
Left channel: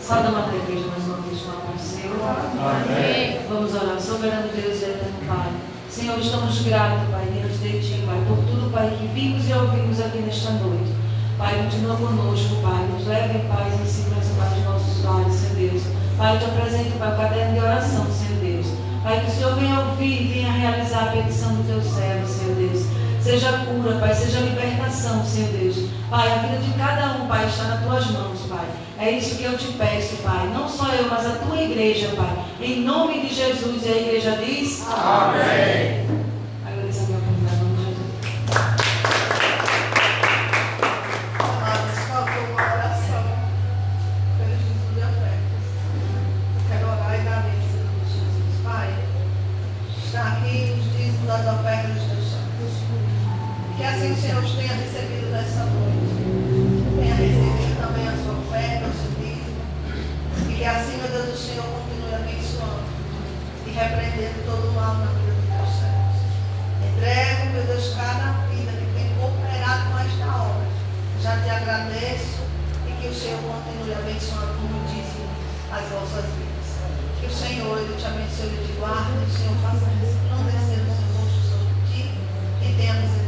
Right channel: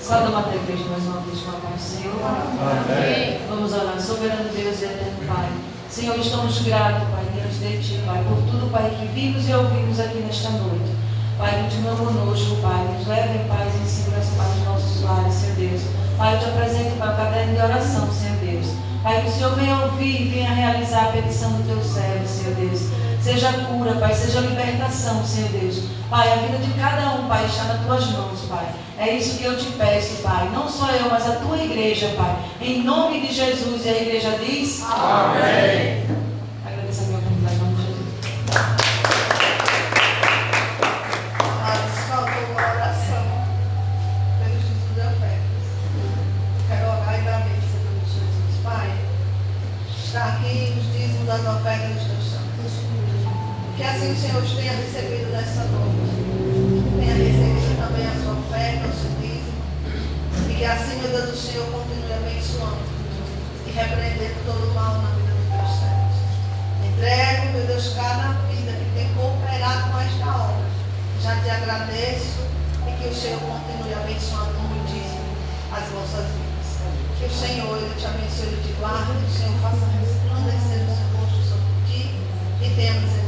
Saudamos a igreja mais uma vez com a paz do Senhor. Amém. Vamos orar. Soberano Deus e eterno Pai. Senhor, estamos gratos, Pai, diante de Ti, Pai, por tudo, Pai, que vimos e ouvimos aqui nesta noite. Pai, continua conosco, Pai, nos leve em paz e em segurança para os nossos lares, Senhor Deus. Pai, eu te apresento, Pai, o caderno de oração, Senhor Deus. Pai, que o Senhor venha ouvir e venha realizar a petição do Teu servo, Senhor Deus. Seja cura, Pai, seja libertação, Senhor Deus. Pai, a vida de cada um, Pai, está nas Tuas mãos, Pai. É isso que eu te peço, Pai. Não só eu, mas a Tua igreja, Pai. Em nome de Jesus. E a igreja diz: Amém. Agradeço a minha comunidade, em nome de Jesus. Mas faltou uma oração pelos Jesus afetos. Quero orar e dar bênção em nome de Jesus. Pai, está aqui os dízimos das ofertas dos teus santos. Que assim o Senhor os tenha recebido nessa noite. Tenha recebido também a sua oferta, o seu dízimo. E que assim, meu Deus, o Senhor continue abençoando e repreendendo todo o mal na vida dos teus servos. Entregue, meu Deus, cada vida que tem cooperado com esta obra. Já te agradeço e que o Senhor continue abençoando muitíssimo as vossas vidas. Que o Senhor, Ele te abençoe e te guarde, que o Senhor faça resplandecer o seu rosto sobre ti e tenha misericórdia.